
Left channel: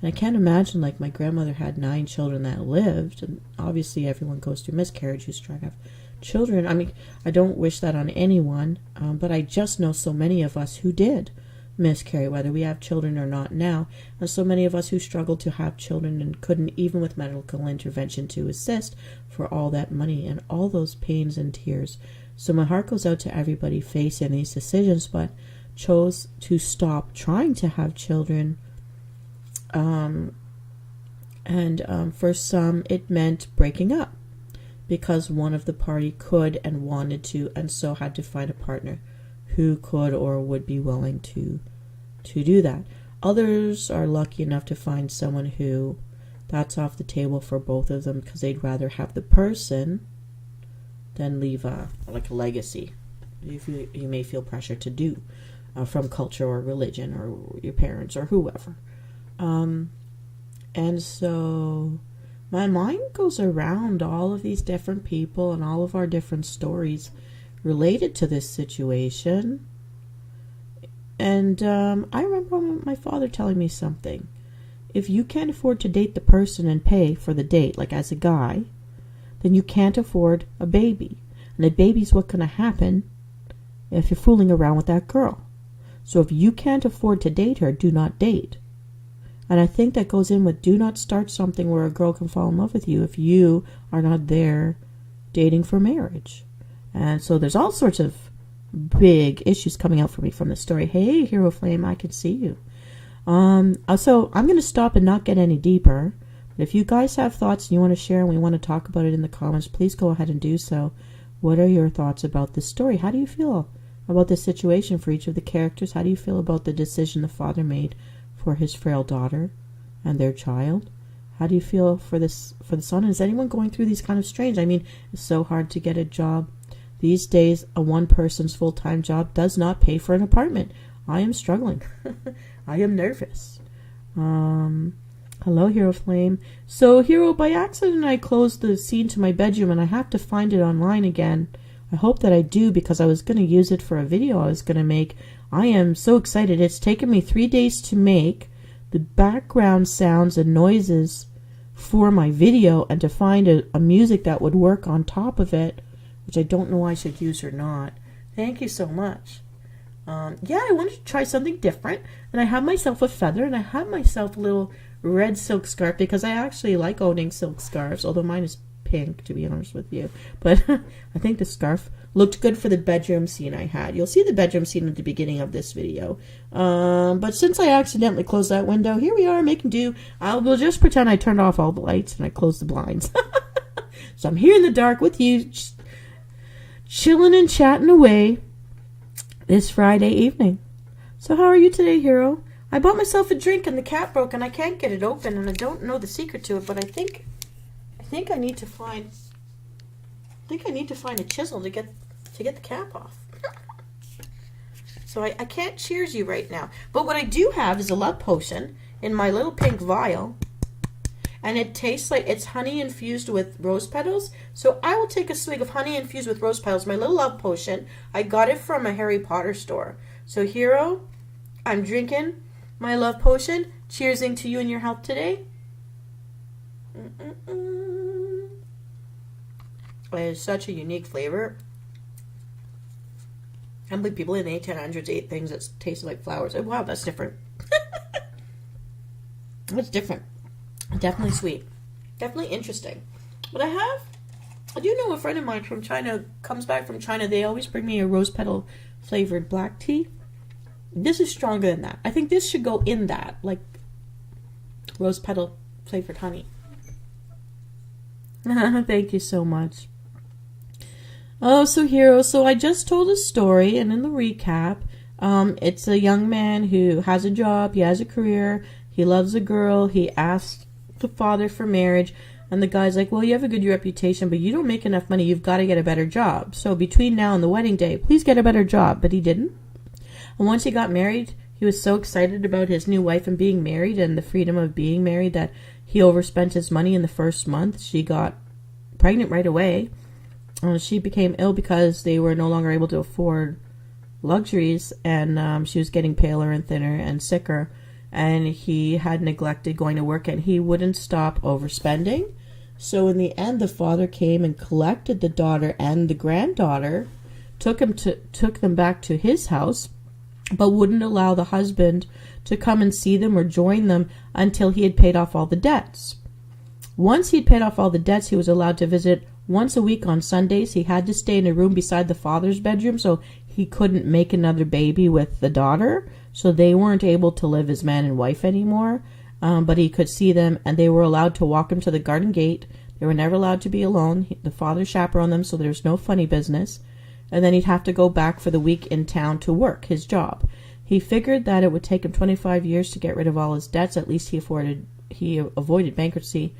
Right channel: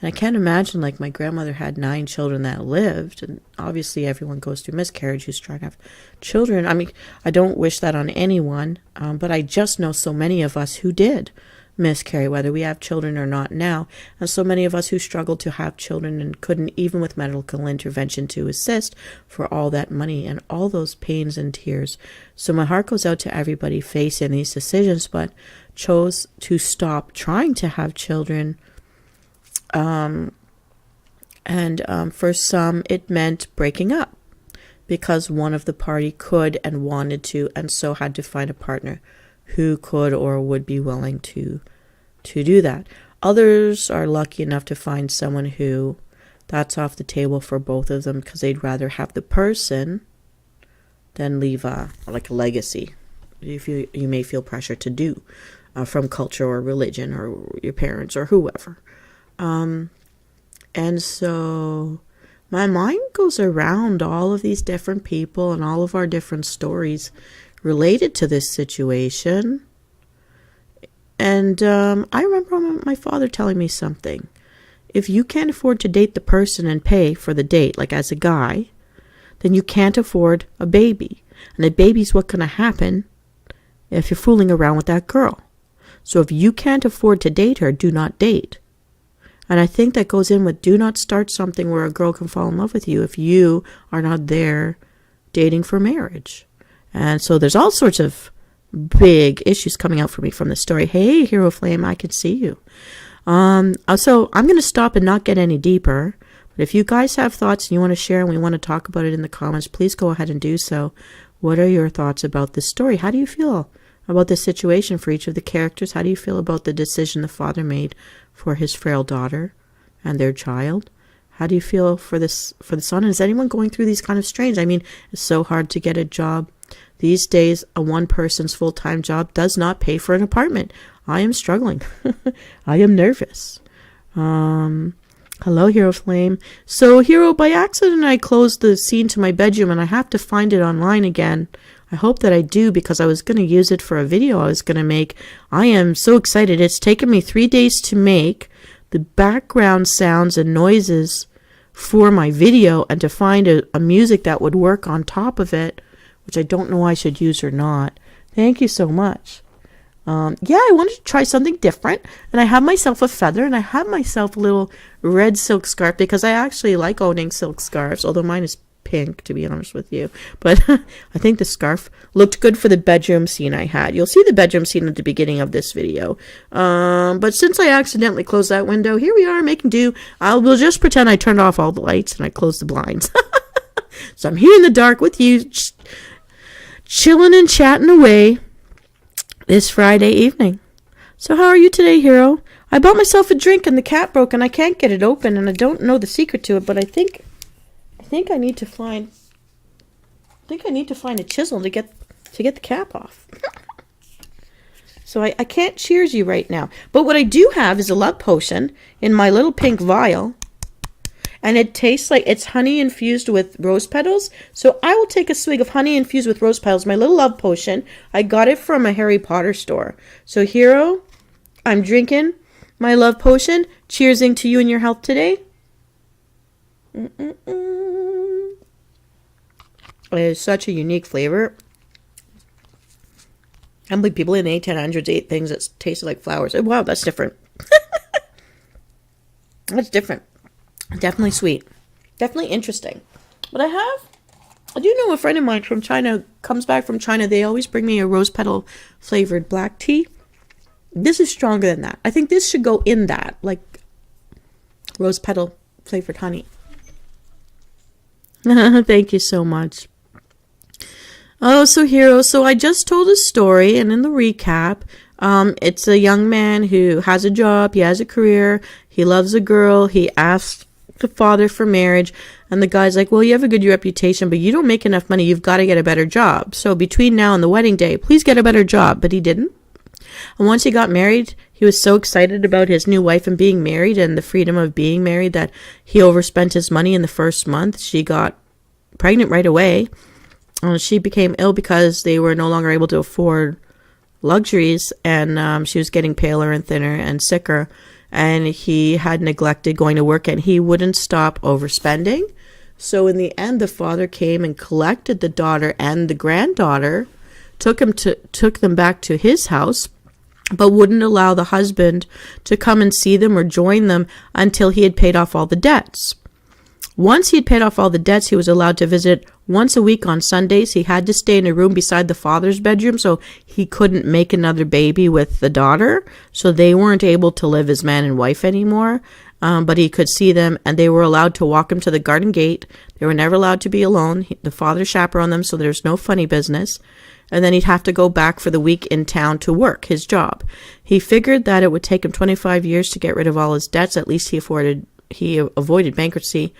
and I can't imagine, like, my grandmother had 9 children that lived, and obviously everyone goes through miscarriage who's trying to have children. I mean, I don't wish that on anyone, but I just know so many of us who did miscarry, whether we have children or not now, and so many of us who struggled to have children and couldn't, even with medical intervention to assist, for all that money and all those pains and tears. So my heart goes out to everybody facing these decisions, but chose to stop trying to have children. And for some it meant breaking up because one of the party could and wanted to, and so had to find a partner who could or would be willing to do that. Others are lucky enough to find someone who that's off the table for both of them because they'd rather have the person than leave a legacy. If you may feel pressure to do from culture or religion or your parents or whoever. And so my mind goes around all of these different people and all of our different stories related to this situation. And I remember my father telling me something. If you can't afford to date the person and pay for the date, like as a guy, then you can't afford a baby. And a baby's what's going to happen if you're fooling around with that girl. So if you can't afford to date her, do not date. And I think that goes in with do not start something where a girl can fall in love with you if you are not there dating for marriage. And so there's all sorts of big issues coming out for me from this story. Hey, Hero Flame, I can see you. So I'm going to stop and not get any deeper. But if you guys have thoughts and you want to share and we want to talk about it in the comments, please go ahead and do so. What are your thoughts about this story? How do you feel about this situation for each of the characters? How do you feel about the decision the father made for his frail daughter and their child? How do you feel for this, for the sun? Is anyone going through these kind of strains? I mean, it's so hard to get a job. These days, a one person's full-time job does not pay for an apartment. I am struggling. I am nervous. Hello, Hero Flame. So, Hero, by accident, I closed the scene to my bedroom, and I have to find it online again. I hope that I do, because I was going to use it for a video I was going to make. I am so excited. It's taken me 3 days to make the background sounds and noises for my video, and to find a music that would work on top of it, which I don't know I should use or not. Thank you so much. Yeah, I wanted to try something different, and I have myself a feather, and I have myself a little red silk scarf, because I actually like owning silk scarves, although mine is pink, to be honest with you. But I think the scarf looked good for the bedroom scene I had. You'll see the bedroom scene at the beginning of this video. But since I accidentally closed that window, here we are making do. We'll just pretend I turned off all the lights and I closed the blinds. So I'm here in the dark with you, chilling and chatting away this Friday evening. So how are you today, Hero? I bought myself a drink and the cap broke and I can't get it open, and I don't know the secret to it, but I think I need to find a chisel to get the cap off. So I can't cheers you right now. But what I do have is a love potion in my little pink vial. And it tastes like it's honey infused with rose petals. So I will take a swig of honey infused with rose petals, my little love potion. I got it from a Harry Potter store. So, Hero, I'm drinking my love potion. Cheersing to you and your health today. It is such a unique flavor. I can't believe people in the 1800s ate things that tasted like flowers. Wow, that's different. That's different. Definitely sweet. Definitely interesting. But I do know a friend of mine from China comes back from China. They always bring me a rose petal flavored black tea. This is stronger than that. I think this should go in that, like rose petal flavored honey. Thank you so much. Oh, so Hero, so I just told a story, and in the recap, it's a young man who has a job, he has a career, he loves a girl, he asked the father for marriage, and the guy's like, well, you have a good reputation, but you don't make enough money, you've got to get a better job. So between now and the wedding day, please get a better job. But he didn't. And once he got married, he was so excited about his new wife and being married and the freedom of being married that he overspent his money in the first month. She got pregnant right away. She became ill because they were no longer able to afford luxuries, and she was getting paler and thinner and sicker, and he had neglected going to work, and he wouldn't stop overspending. So in the end, the father came and collected the daughter and the granddaughter, took them back to his house, but wouldn't allow the husband to come and see them or join them until he had paid off all the debts. Once he had paid off all the debts, he was allowed to visit once a week on Sundays. He had to stay in a room beside the father's bedroom, so he couldn't make another baby with the daughter. So they weren't able to live as man and wife anymore, but he could see them, and they were allowed to walk him to the garden gate. They were never allowed to be alone. The father chaperoned them, so there's no funny business. And then he'd have to go back for the week in town to work his job. He figured that it would take him 25 years to get rid of all his debts. At least he avoided bankruptcy.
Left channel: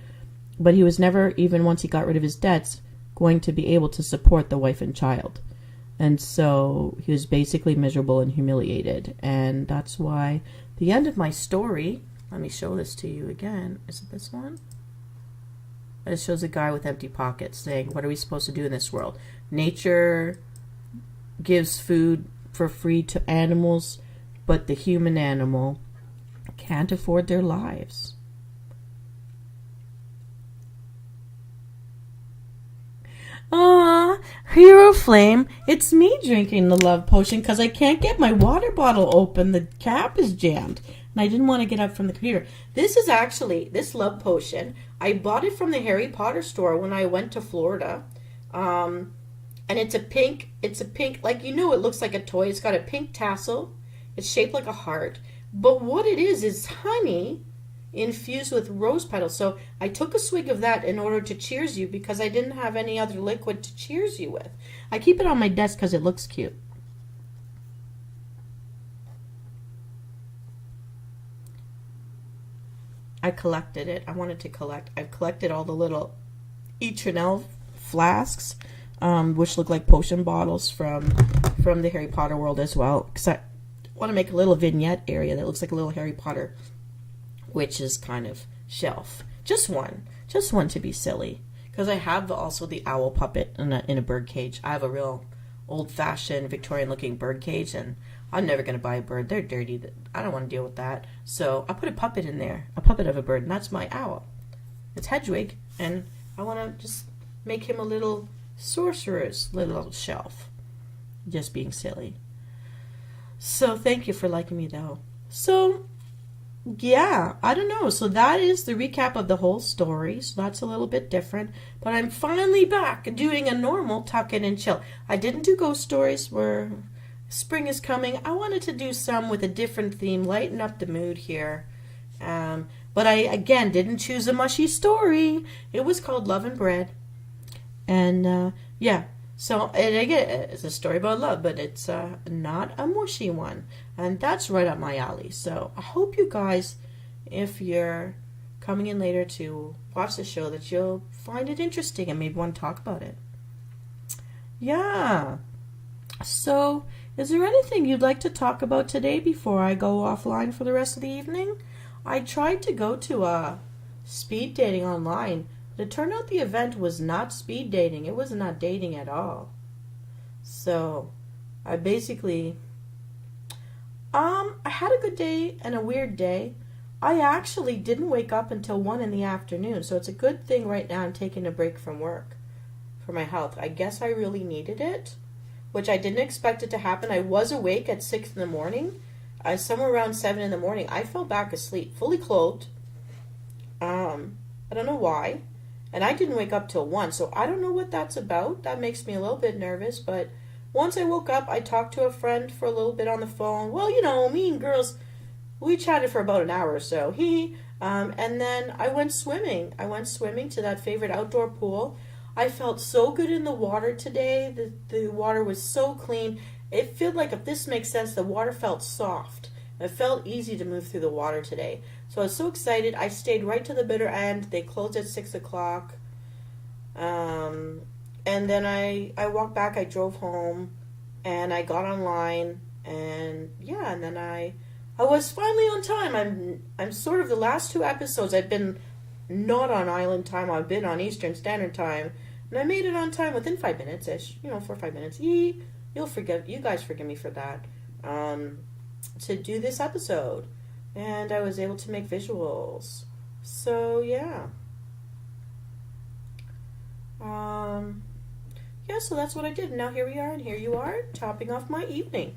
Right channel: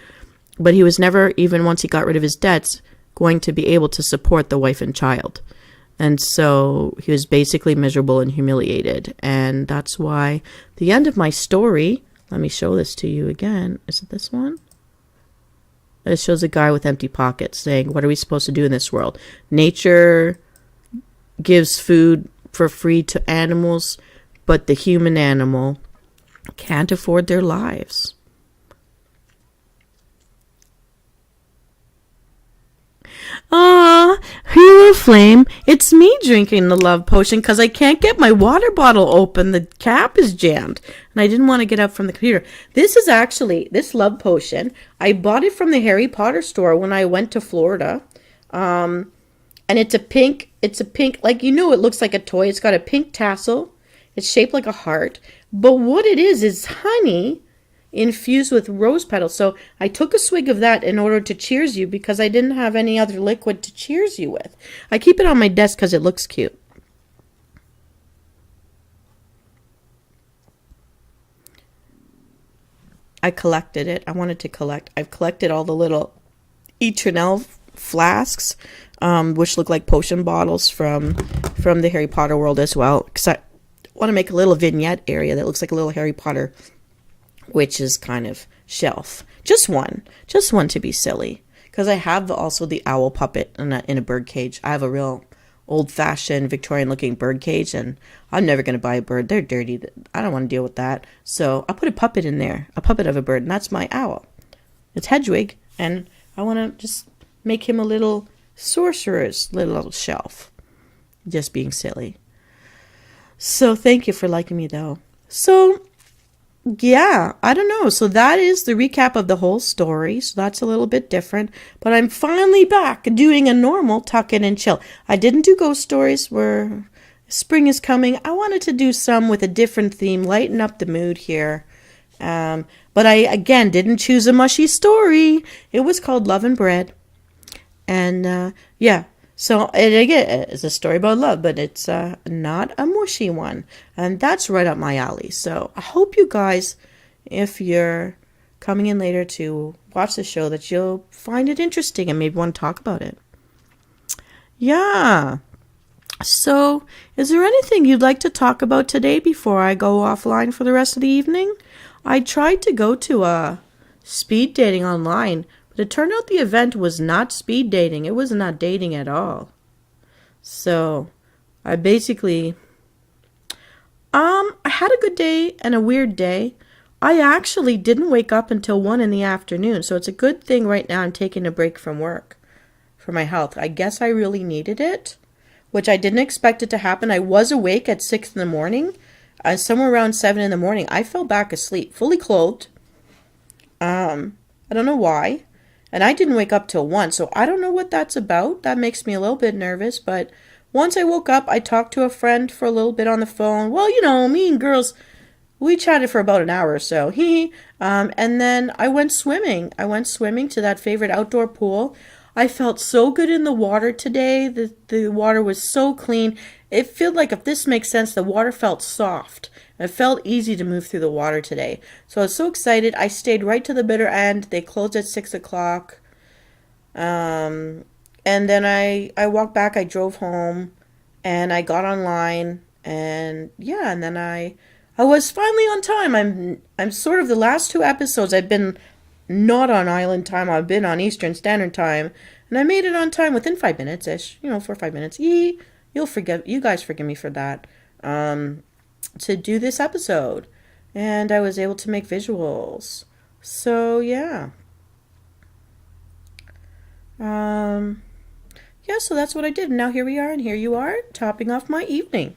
But he was never, even once he got rid of his debts, going to be able to support the wife and child. And so he was basically miserable and humiliated. And that's why the end of my story, let me show this to you again. Is it this one? It shows a guy with empty pockets saying, what are we supposed to do in this world? Nature gives food for free to animals, but the human animal can't afford their lives. Ah, Hero Flame, it's me drinking the love potion because I can't get my water bottle open. The cap is jammed, and I didn't want to get up from the computer. This is actually, this love potion, I bought it from the Harry Potter store when I went to Florida. And it's a pink, like, you know, it looks like a toy. It's got a pink tassel. It's shaped like a heart. But what it is honey infused with rose petals. So I took a swig of that in order to cheers you because I didn't have any other liquid to cheers you with. I keep it on my desk because it looks cute. I collected it. I wanted to collect. I've collected all the little Eternel flasks, which look like potion bottles from the Harry Potter world as well. Because I want to make a little vignette area that looks like a little Harry Potter witch's kind of shelf. Just one to be silly. Because I have also the owl puppet in a bird cage. I have a real old-fashioned Victorian-looking bird cage, and I'm never going to buy a bird. They're dirty. I don't want to deal with that. So I put a puppet in there, a puppet of a bird, and that's my owl. It's Hedwig, and I want to just make him a little sorcerer's little shelf. Just being silly. So thank you for liking me, though. So yeah, I don't know. So that is the recap of the whole story. So that's a little bit different. But I'm finally back doing a normal tuck in and chill. I didn't do ghost stories where spring is coming. I wanted to do some with a different theme, lighten up the mood here. But I, again, didn't choose a mushy story. It was called Love and Bread. And yeah, so again, it's a story about love, but it's not a mushy one. And that's right up my alley. So I hope you guys, if you're coming in later to watch the show, that you'll find it interesting and maybe want to talk about it. Yeah. So is there anything you'd like to talk about today before I go offline for the rest of the evening? I tried to go to a speed dating online, but it turned out the event was not speed dating. It was not dating at all. So I basically, I had a good day and a weird day. I actually didn't wake up until 1 in the afternoon. So it's a good thing right now I'm taking a break from work for my health. I guess I really needed it, which I didn't expect it to happen. I was awake at 6 in the morning. Somewhere around 7 in the morning, I fell back asleep, fully clothed. I don't know why. And I didn't wake up till 1, so I don't know what that's about. That makes me a little bit nervous, but once I woke up, I talked to a friend for a little bit on the phone. Well, you know, me and girls, we chatted for about an hour or so. And then I went swimming. I went swimming to that favorite outdoor pool. I felt so good in the water today. The water was so clean. It felt like, if this makes sense, the water felt soft. It felt easy to move through the water today. So I was so excited. I stayed right to the bitter end. They closed at 6 o'clock. And then I walked back. I drove home. And I got online. And yeah, and then I was finally on time. I'm sort of the last 2 episodes. I've been not on island time. I've been on Eastern Standard Time. And I made it on time within 5 minutes-ish. 4 or 5 minutes. You guys forgive me for that. To do this episode, and I was able to make visuals. So yeah, so that's what I did. And now here we are, and here you are, topping off my evening.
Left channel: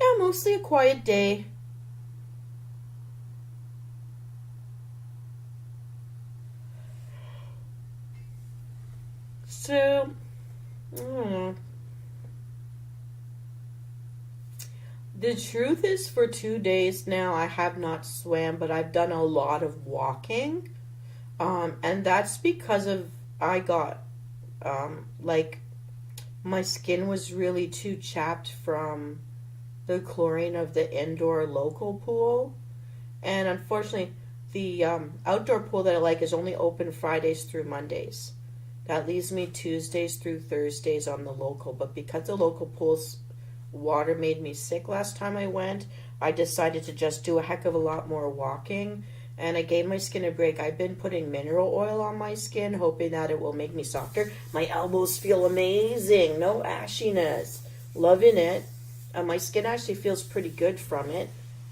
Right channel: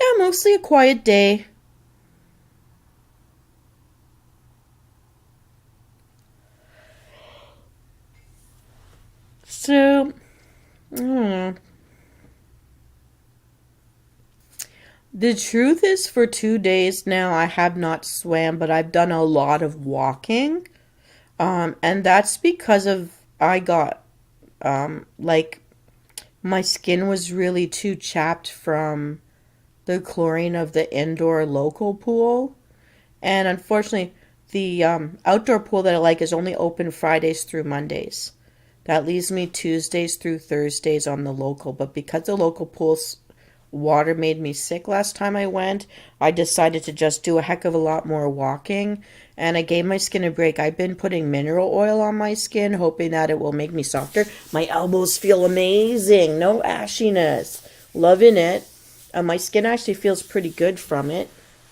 Yeah, mostly a quiet day. So the truth is, for 2 days now, I have not swam, but I've done a lot of walking. And that's because I got, like, my skin was really too chapped from the chlorine of the indoor local pool. And unfortunately, the outdoor pool that I like is only open Fridays through Mondays. That leaves me Tuesdays through Thursdays on the local. But because the local pool's water made me sick last time I went, I decided to just do a heck of a lot more walking. And I gave my skin a break. I've been putting mineral oil on my skin, hoping that it will make me softer. My elbows feel amazing. No ashiness. Loving it. My skin actually feels pretty good from it.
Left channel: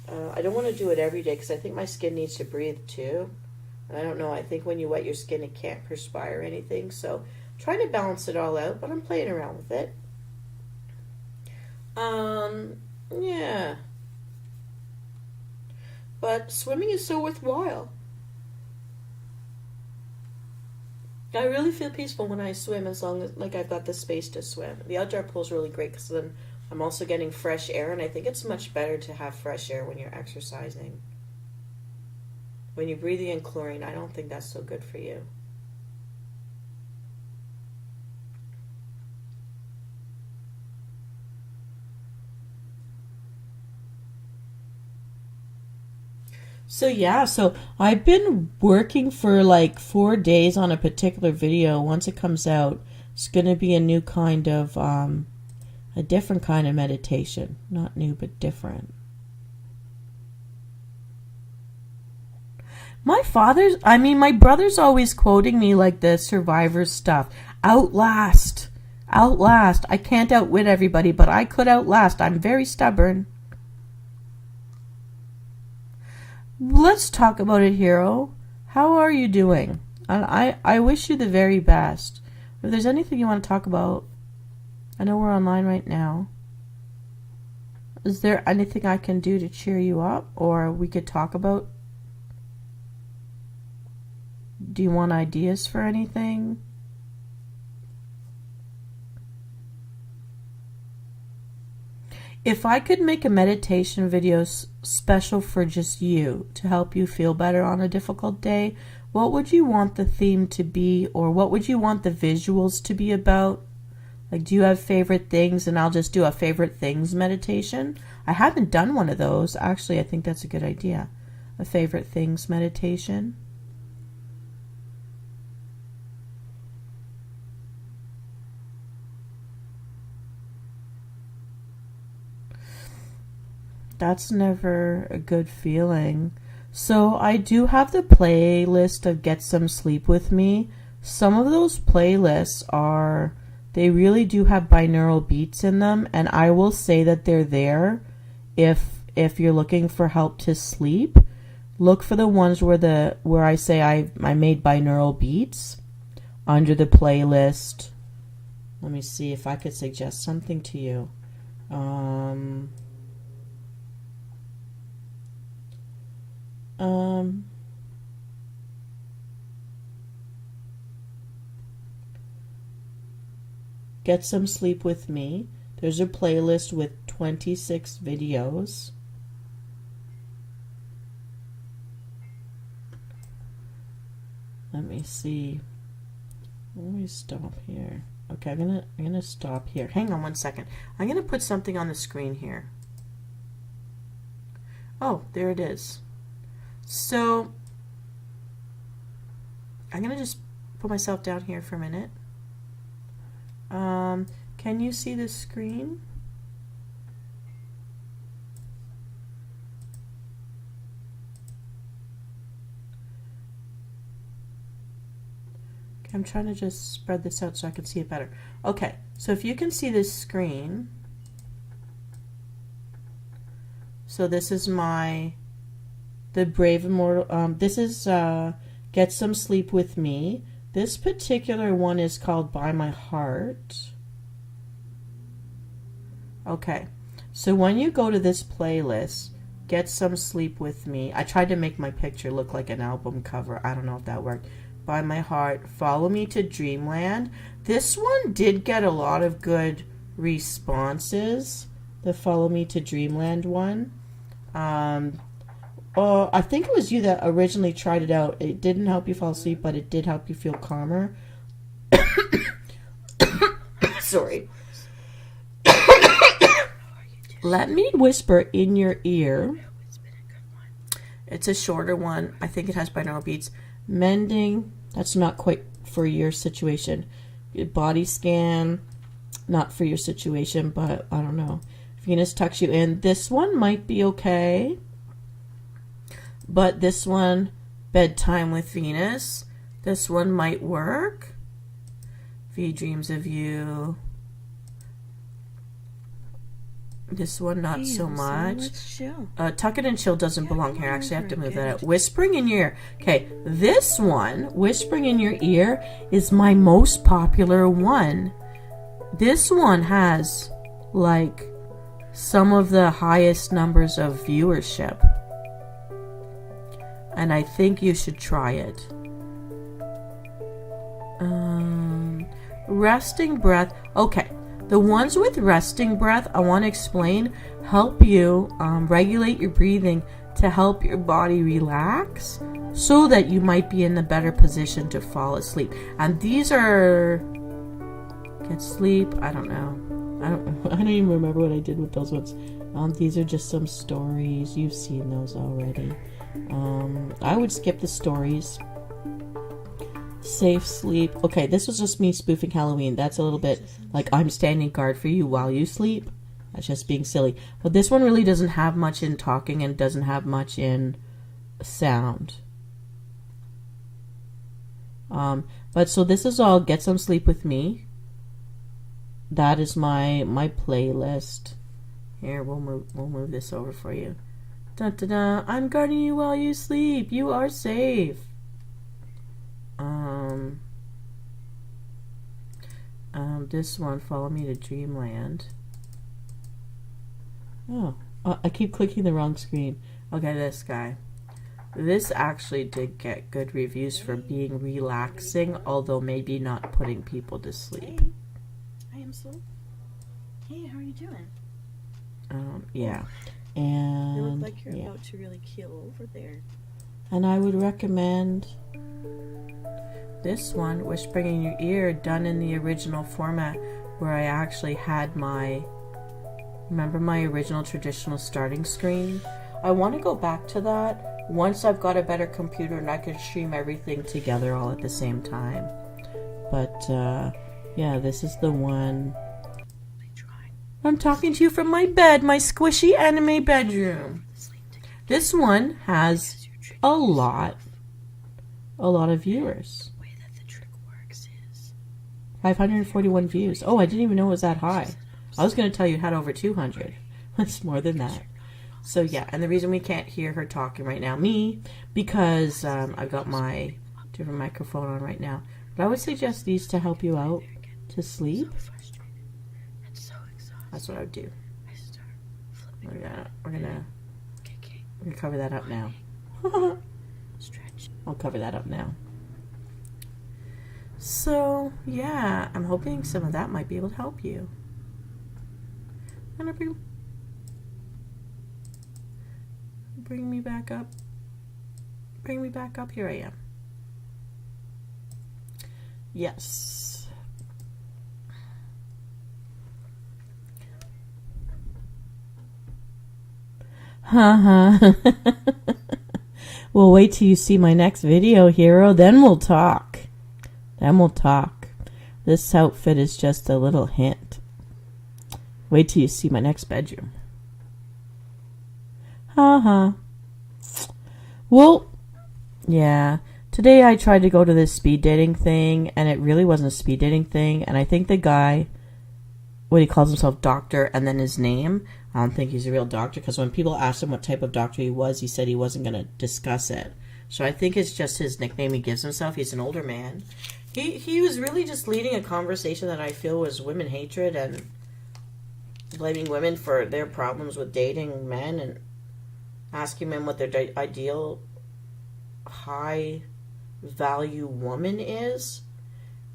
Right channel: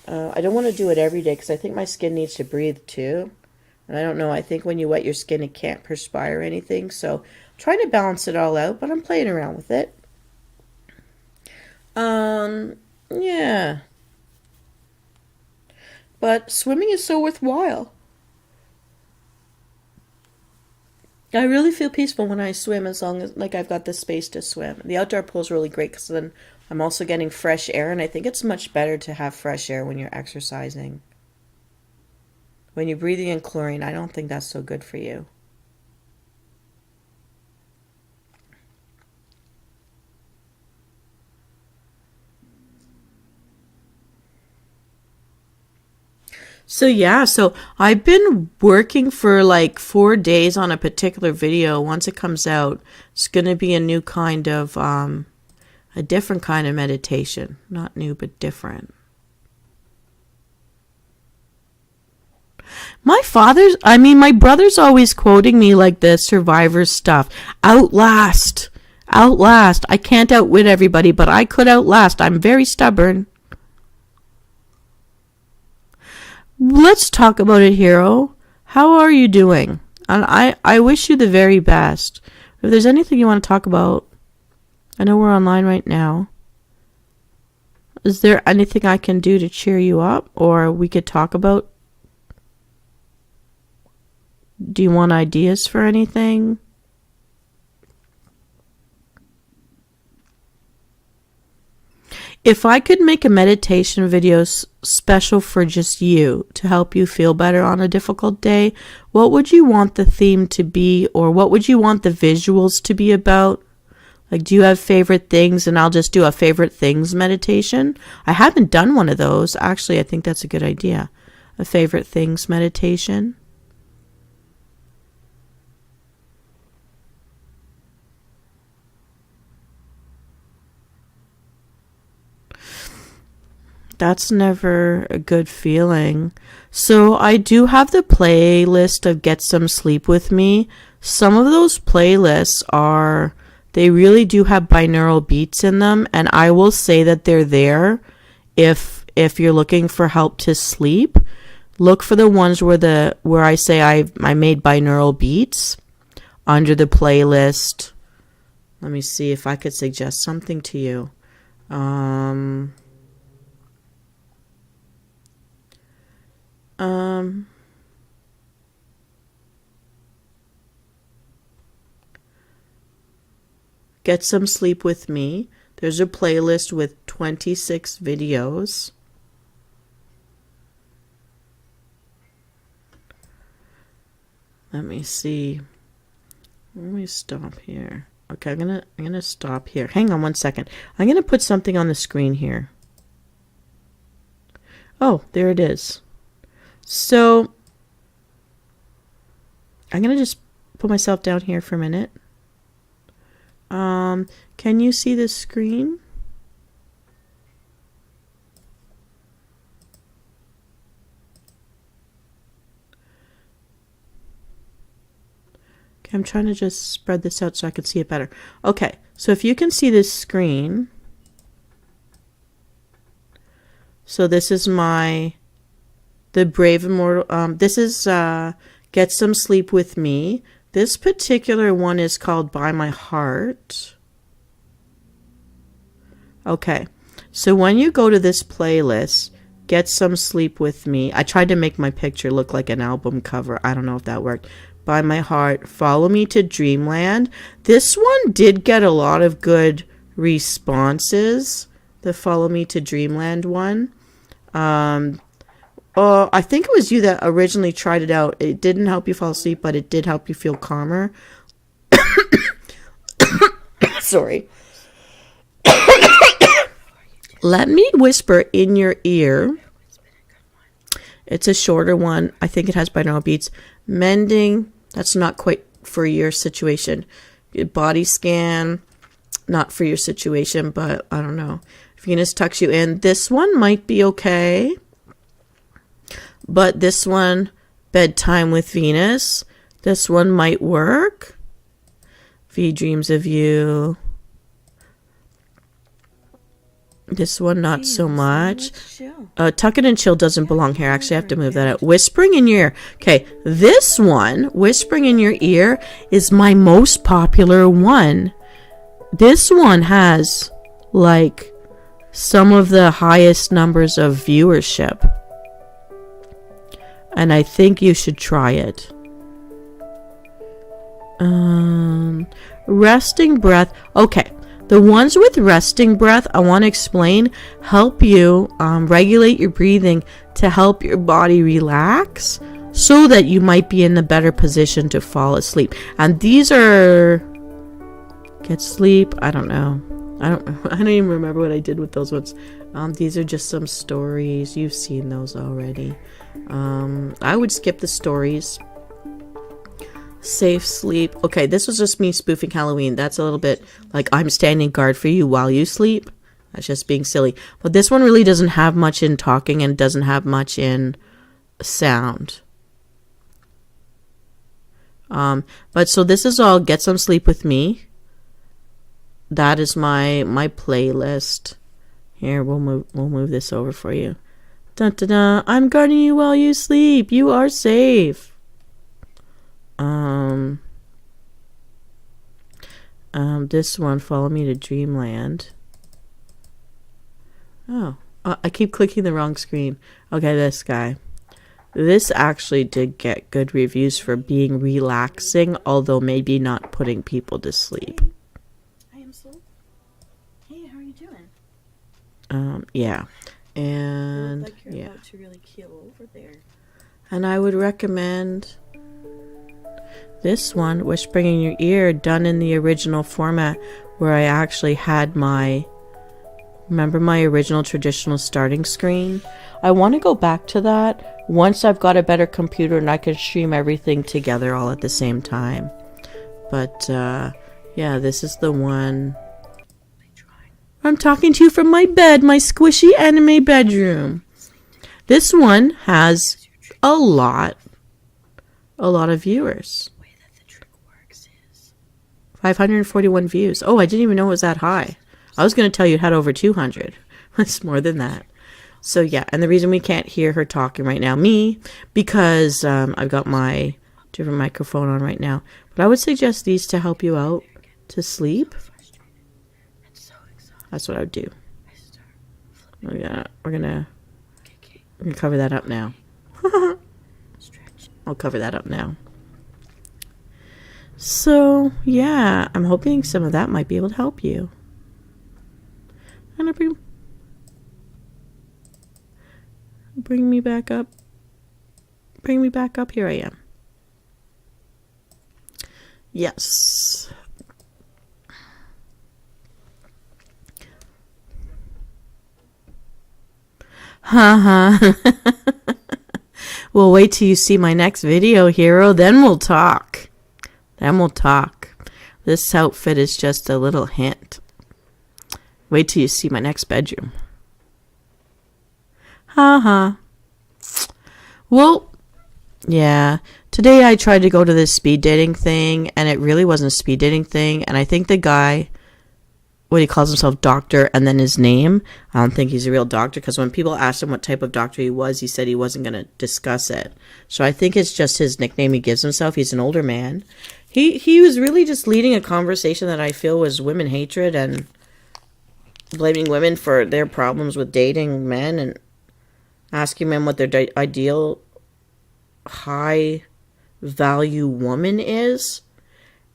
I don't want to do it every day because I think my skin needs to breathe too. And I don't know, I think when you wet your skin, it can't perspire anything. So I'm trying to balance it all out, but I'm playing around with it. Yeah. But swimming is so worthwhile. I really feel peaceful when I swim, as long as, like, I've got the space to swim. The outdoor pool is really great because then I'm also getting fresh air, and I think it's much better to have fresh air when you're exercising. When you're breathing in chlorine, I don't think that's so good for you. So yeah, so I've been working for like 4 days on a particular video. Once it comes out, it's going to be a new kind of, a different kind of meditation. Not new, but different. My brother's always quoting me like the Survivor stuff. Outlast. Outlast. I can't outwit everybody, but I could outlast. I'm very stubborn. Let's talk about it, hero. How are you doing? And I wish you the very best. If there's anything you want to talk about, I know we're online right now. Is there anything I can do to cheer you up, or we could talk about? Do you want ideas for anything? If I could make a meditation video special for just you to help you feel better on a difficult day, what would you want the theme to be, or what would you want the visuals to be about? Like, do you have favorite things? And I'll just do a favorite things meditation. I haven't done one of those. Actually, I think that's a good idea. A favorite things meditation. That's never a good feeling. So I do have the playlist of Get Some Sleep With Me. Some of those playlists they really do have binaural beats in them, and I will say that they're there if you're looking for help to sleep. Look for the ones where I say I made binaural beats under the playlist. Let me see if I could suggest something to you. Get Some Sleep With Me. There's a playlist with 26 videos. Let me see. Let me stop here. Okay, I'm gonna stop here. Hang on one second. I'm gonna put something on the screen here. Oh, there it is. So I'm gonna just put myself down here for a minute. Can you see the screen? Okay, I'm trying to just spread this out so I can see it better. Okay, so if you can see this screen, so this is the Brave Immortal, this is Get Some Sleep With Me. This particular one is called By My Heart. Okay, so when you go to this playlist, Get Some Sleep With Me, I tried to make my picture look like an album cover. I don't know if that worked. By My Heart, Follow Me to Dreamland. This one did get a lot of good responses, the Follow Me to Dreamland one. I think it was you that originally tried it out. It didn't help you fall asleep, but it did help you feel calmer. Sorry. Let me whisper in your ear. It's a shorter one. I think it has binaural beats. Mending, that's not quite for your situation. Body scan, not for your situation, but I don't know. Venus tucks you in. This one might be okay. But this one, Bedtime with Venus, this one might work. V dreams of you. This one, not so much. Tuck it and chill doesn't belong here. Actually, I have to move that out. Whispering in your ear. Okay, this one, Whispering in Your Ear, is my most popular one. This one has, like, some of the highest numbers of viewership. And I think you should try it. Resting breath. Okay. The ones with resting breath, I want to explain, help you regulate your breathing to help your body relax so that you might be in a better position to fall asleep. And these are... Get sleep. I don't know. I don't even remember what I did with those ones. These are just some stories. You've seen those already. I would skip the stories. Safe sleep. Okay, this was just me spoofing Halloween. That's a little bit like I'm standing guard for you while you sleep. That's just being silly. But this one really doesn't have much in talking and doesn't have much in sound. But so this is all Get Some Sleep With Me. That is my playlist. Here, we'll move this over for you. Dun, dun, dun. I'm guarding you while you sleep. You are safe. This one, Follow Me to Dreamland. Oh, I keep clicking the wrong screen. Okay, this guy. This actually did get good reviews for being relaxing, although maybe not putting people to sleep. Hey, Msoul. Hey, how are you doing? Yeah. You And look like you're yeah. about to really keel over there. And I would recommend this one, Whispering in Your Ear, done in the original format where I actually had remember my original traditional starting screen? I want to go back to that once I've got a better computer and I can stream everything together all at the same time. But, yeah, this is the one. I'm talking to you from my bed, my squishy anime bedroom. This one has a lot of viewers. 541 views. Oh, I didn't even know it was that high. I was going to tell you it had over 200. It's more than that. So yeah, and the reason we can't hear her talking right now, because I've got my different microphone on right now. But I would suggest these to help you out to sleep. That's what I would do. We're gonna cover that up now. I'll cover that up now. So yeah, I'm hoping some of that might be able to help you. And bring me back up. Bring me back up. Here I am. Yes. Haha. Well, wait till you see my next video, hero. Then we'll talk. This outfit is just a little hint. Wait till you see my next bedroom. Haha. Well, yeah. Today I tried to go to this speed dating thing, and it really wasn't a speed dating thing. And I think the guy, he calls himself doctor and then his name, I don't think he's a real doctor, because when people asked him what type of doctor he was, he said he wasn't going to discuss it. So I think it's just his nickname he gives himself. He's an older man. He was really just leading a conversation that I feel was women hatred and blaming women for their problems with dating men and asking men what their ideal high value woman is.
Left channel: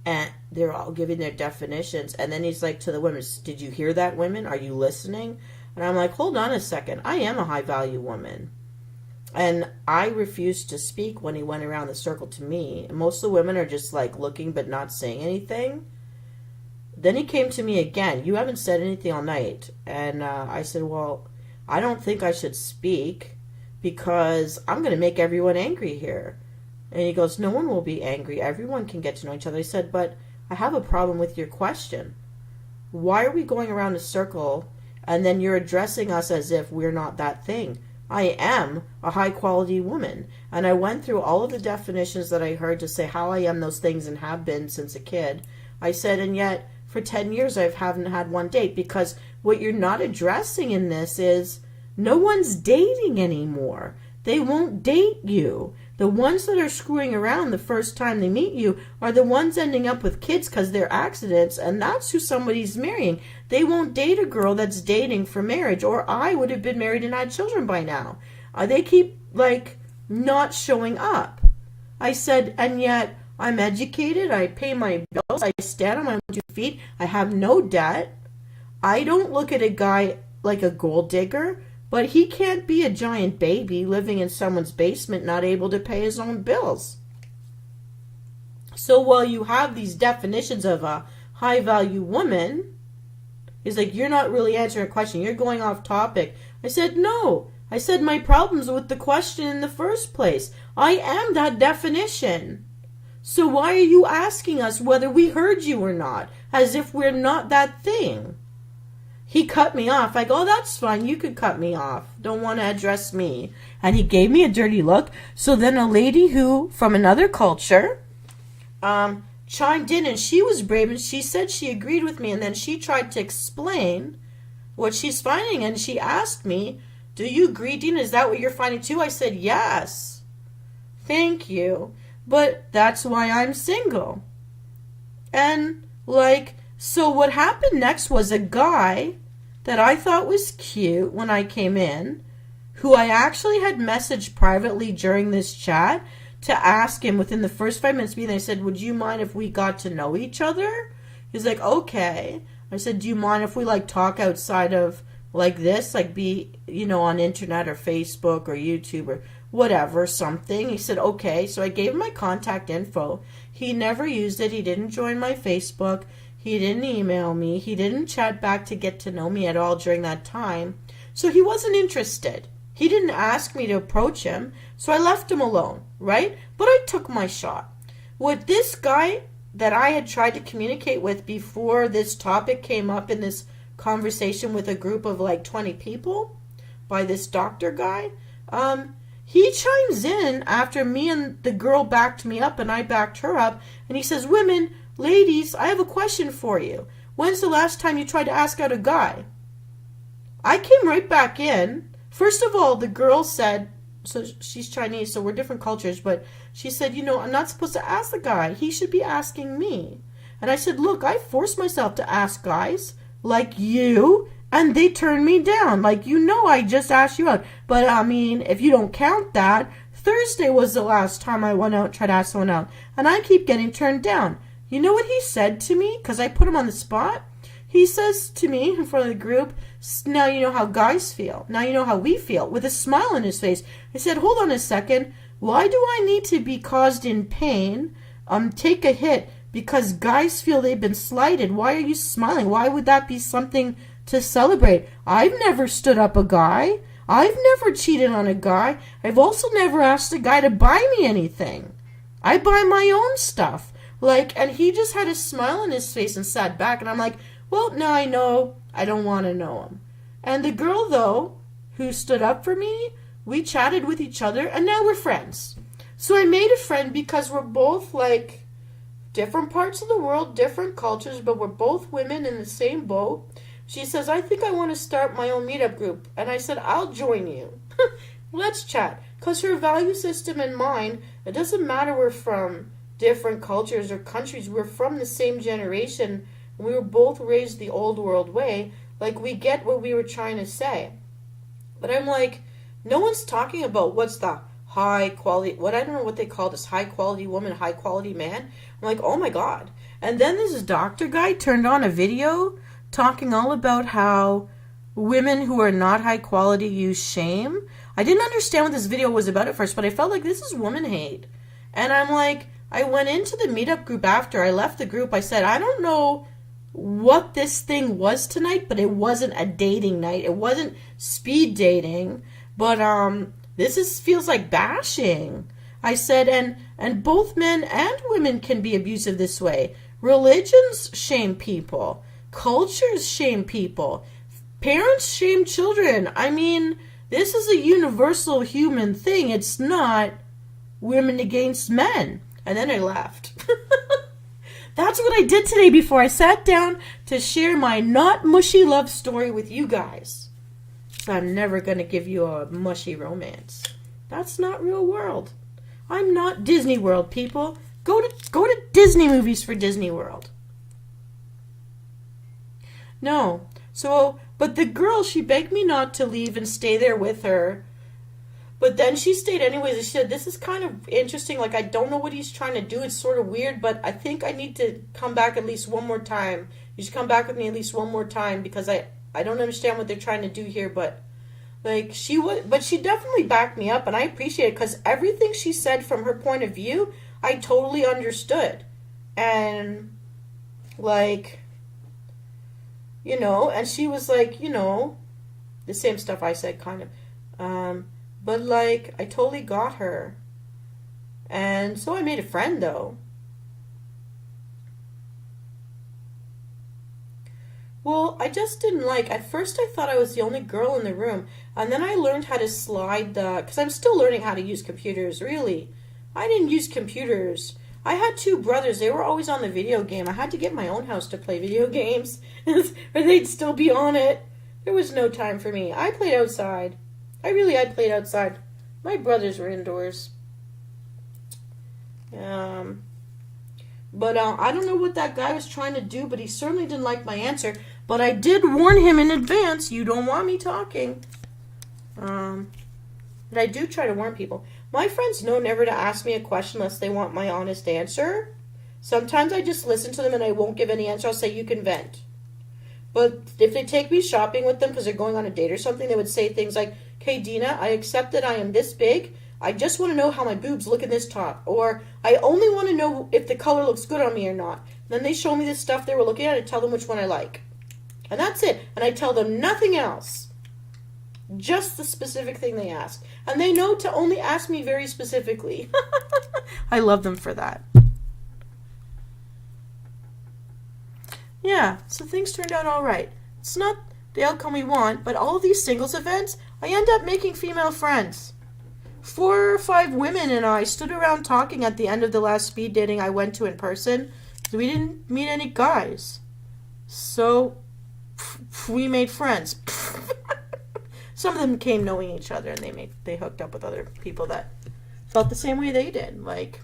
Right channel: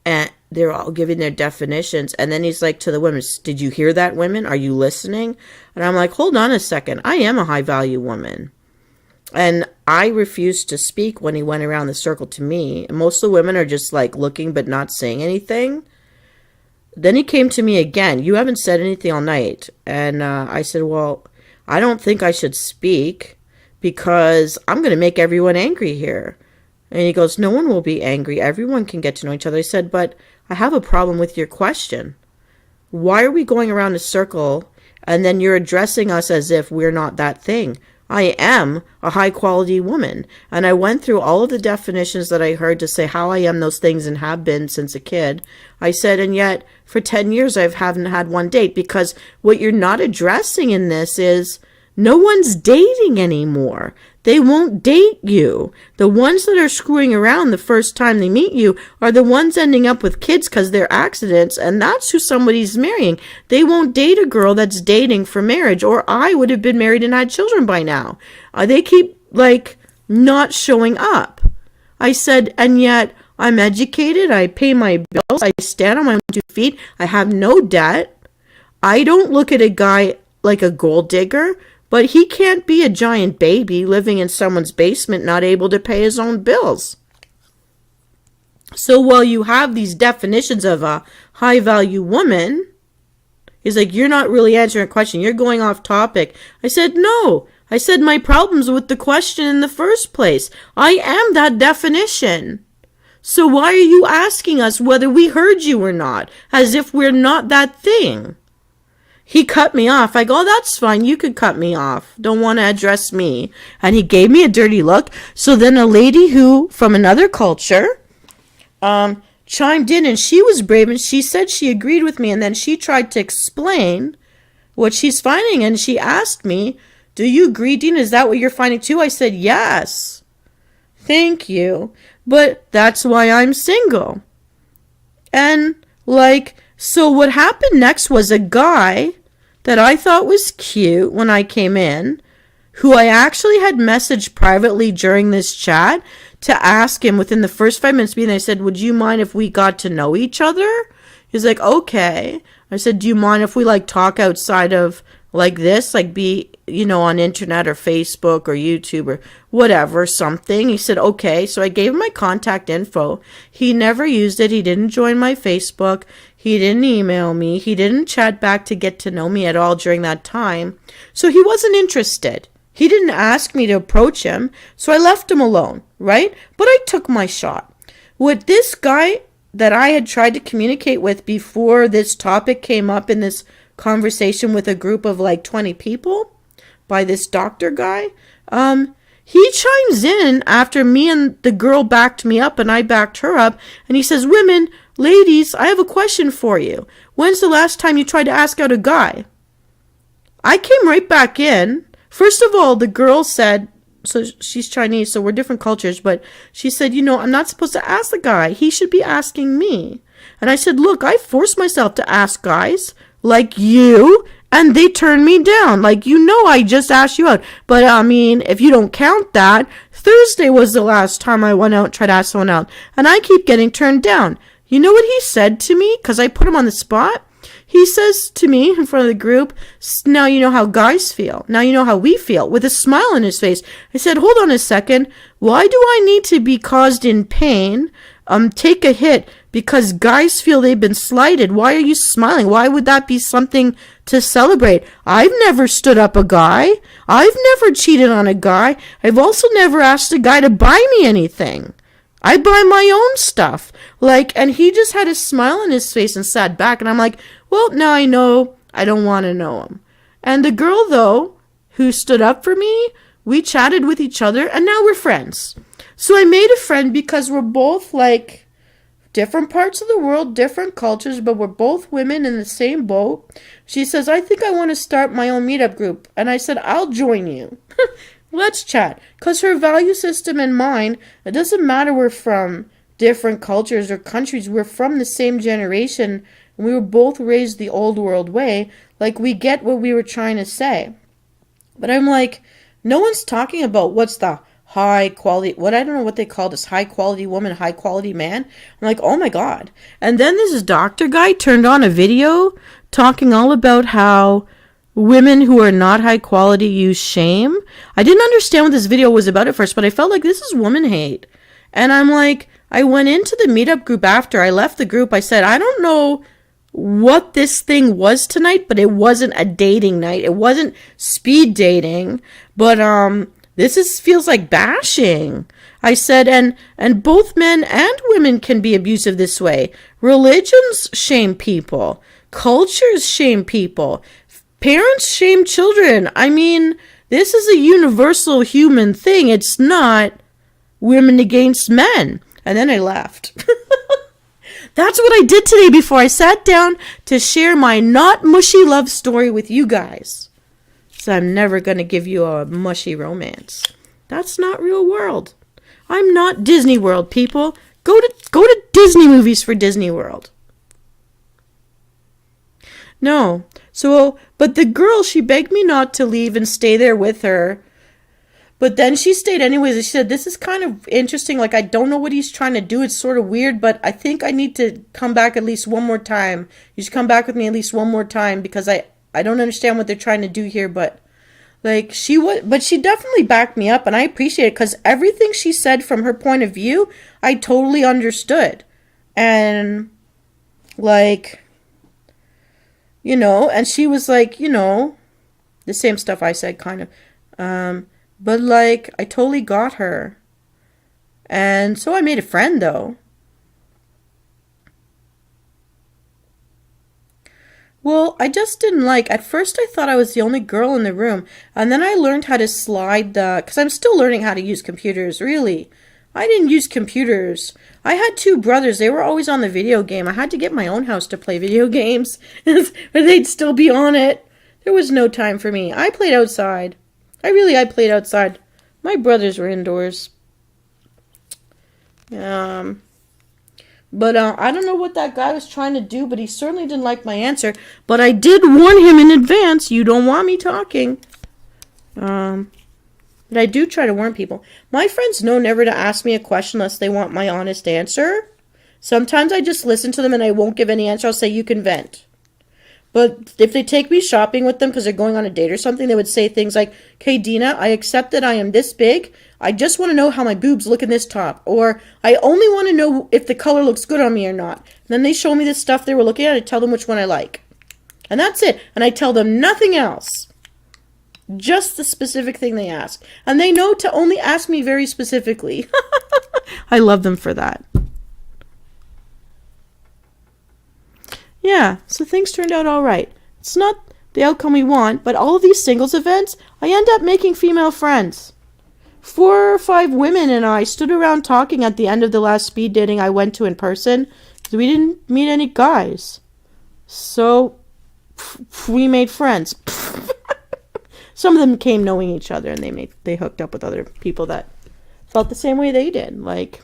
And they're all giving their definitions. And then he's like to the women, did you hear that, women? Are you listening? And I'm like, hold on a second. I am a high value woman. And I refused to speak when he went around the circle to me. And most of the women are just like looking but not saying anything. Then he came to me again. You haven't said anything all night. And I said, well, I don't think I should speak because I'm going to make everyone angry here. And he goes, no one will be angry. Everyone can get to know each other. I said, but I have a problem with your question. Why are we going around a circle and then you're addressing us as if we're not that thing? I am a high quality woman. And I went through all of the definitions that I heard to say how I am those things and have been since a kid. I said, and yet for 10 years I haven't had one date, because what you're not addressing in this is no one's dating anymore. They won't date you. The ones that are screwing around the first time they meet you are the ones ending up with kids because they're accidents, and that's who somebody's marrying. They won't date a girl that's dating for marriage, or I would have been married and had children by now. They keep, not showing up. I said, and yet I'm educated, I pay my bills, I stand on my own 2 feet, I have no debt. I don't look at a guy like a gold digger. But he can't be a giant baby living in someone's basement, not able to pay his own bills. So while you have these definitions of a high-value woman, he's like, you're not really answering a question. You're going off topic. I said, no, I said my problem's with the question in the first place. I am that definition. So why are you asking us whether we heard you or not, as if we're not that thing? He cut me off. I go, oh, that's fine. You could cut me off. Don't want to address me. And he gave me a dirty look. So then a lady who, from another culture, chimed in, and she was brave, and she said she agreed with me, and then she tried to explain what she's finding, and she asked me, do you agree, Dean? Is that what you're finding too? I said, yes. Thank you. But that's why I'm single. And, so what happened next was a guy that I thought was cute when I came in, who I actually had messaged privately during this chat to ask him within the first 5 minutes being there. I said, would you mind if we got to know each other? He's like, okay. I said, do you mind if we talk outside of this, be, on internet or Facebook or YouTube or whatever, something? He said, okay. So I gave him my contact info. He never used it. He didn't join my Facebook. He didn't email me. He didn't chat back to get to know me at all during that time. So he wasn't interested. He didn't ask me to approach him. So I left him alone, right? But I took my shot. What this guy that I had tried to communicate with before this topic came up in this conversation with a group of 20 people by this doctor guy, he chimes in after me and the girl backed me up and I backed her up, and he says, women, ladies, I have a question for you. When's the last time you tried to ask out a guy? I came right back in. First of all, the girl said, so she's Chinese, so we're different cultures, but she said, I'm not supposed to ask the guy. He should be asking me. And I said, look, I forced myself to ask guys like you, and they turned me down. I just asked you out. But, if you don't count that, Thursday was the last time I went out and tried to ask someone out, and I keep getting turned down. You know what he said to me? Because I put him on the spot. He says to me in front of the group, now you know how guys feel. Now you know how we feel, with a smile on his face. I said, hold on a second. Why do I need to be caused in pain, take a hit, because guys feel they've been slighted? Why are you smiling? Why would that be something to celebrate? I've never stood up a guy. I've never cheated on a guy. I've also never asked a guy to buy me anything. I buy my own stuff. And he just had a smile on his face and sat back, and I'm like, well, now I know I don't want to know him. And the girl, though, who stood up for me, we chatted with each other, and now we're friends. So I made a friend because we're both, different parts of the world, different cultures, but we're both women in the same boat. She says, I think I want to start my own meetup group. And I said, I'll join you. Let's chat. Because her value system and mine, it doesn't matter we're from different cultures or countries. We're from the same generation. And we were both raised the old world way. We get what we were trying to say. But I'm no one's talking about what's the high quality, I don't know what they call this, high quality woman, high quality man. I'm oh my God. And then this doctor guy turned on a video talking all about how women who are not high quality use shame. I didn't understand what this video was about at first, but I felt this is woman hate. And I'm I went into the meetup group after I left the group. I said, I don't know what this thing was tonight, but it wasn't a dating night. It wasn't speed dating, but feels like bashing. I said, and both men and women can be abusive this way. Religions shame people. Cultures shame people. Parents shame children. This is a universal human thing. It's not women against men. And then I left. That's what I did today before I sat down to share my not mushy love story with you guys. So I'm never going to give you a mushy romance. That's not real world. I'm not Disney World, people. Go to Disney movies for Disney World. No. So, but the girl, she begged me not to leave and stay there with her. But then she stayed anyways. And she said, this is kind of interesting. I don't know what he's trying to do. It's sort of weird, but I think I need to come back at least one more time. You should come back with me at least one more time because I don't understand what they're trying to do here. But she definitely backed me up, and I appreciate it because everything she said from her point of view, I totally understood. And and she was the same stuff I said, kind of. Um, but like, I totally got her. And so I made a friend though. Well, I just didn't like. At first, I thought I was the only girl in the room, and then I learned how to slide the. Because I'm still learning how to use computers, really. I didn't use computers. I had two brothers. They were always on the video game. I had to get my own house to play video games, but they'd still be on it. There was no time for me. I played outside. I played outside. My brothers were indoors. Um, But I don't know what that guy was trying to do, but he certainly didn't like my answer. But I did warn him in advance, you don't want me talking. But I do try to warn people. My friends know never to ask me a question unless they want my honest answer. Sometimes I just listen to them and I won't give any answer. I'll say, you can vent. But if they take me shopping with them because they're going on a date or something, they would say things like, okay, Dina, I accept that I am this big. I just want to know how my boobs look in this top. Or I only want to know if the color looks good on me or not. And then they show me the stuff they were looking at. I tell them which one I like. And that's it. And I tell them nothing else. Just the specific thing they ask. And they know to only ask me very specifically. I love them for that. Yeah, so things turned out all right. It's not the outcome we want, but all of these singles events, I end up making female friends. 4 or 5 women and I stood around talking at the end of the last speed dating I went to in person. We didn't meet any guys. So, we made friends. Some of them came knowing each other and they hooked up with other people that felt the same way they did. Like,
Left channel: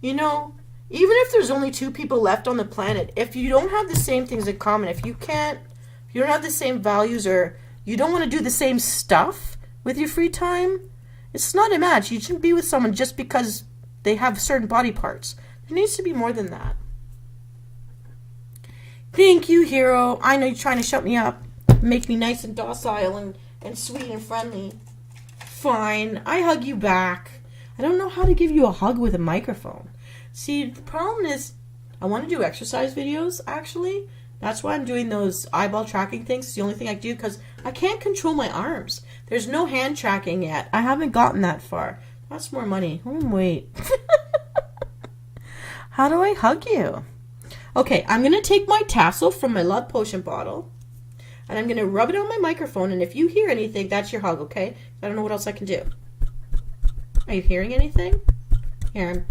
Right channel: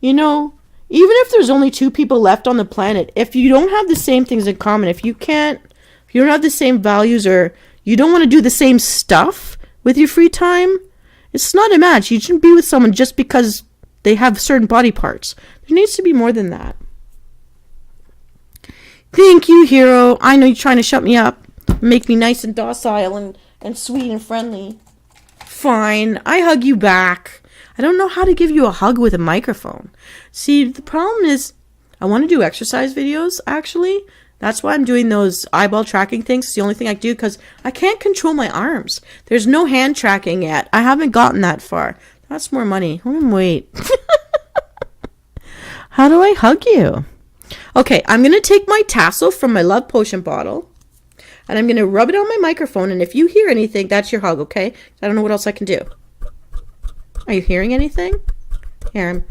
you know, even if there's only 2 people left on the planet, if you don't have the same things in common, if you don't have the same values or you don't want to do the same stuff with your free time, it's not a match. You shouldn't be with someone just because they have certain body parts. There needs to be more than that. Thank you, hero. I know you're trying to shut me up. Make me nice and docile and sweet and friendly. Fine. I hug you back. I don't know how to give you a hug with a microphone. See, the problem is I want to do exercise videos, actually. That's why I'm doing those eyeball tracking things. It's the only thing I do because I can't control my arms. There's no hand tracking yet. I haven't gotten that far. That's more money. Wait. How do I hug you? Okay, I'm going to take my tassel from my love potion bottle and I'm going to rub it on my microphone. And if you hear anything, that's your hug, okay? I don't know what else I can do. Are you hearing anything? Here,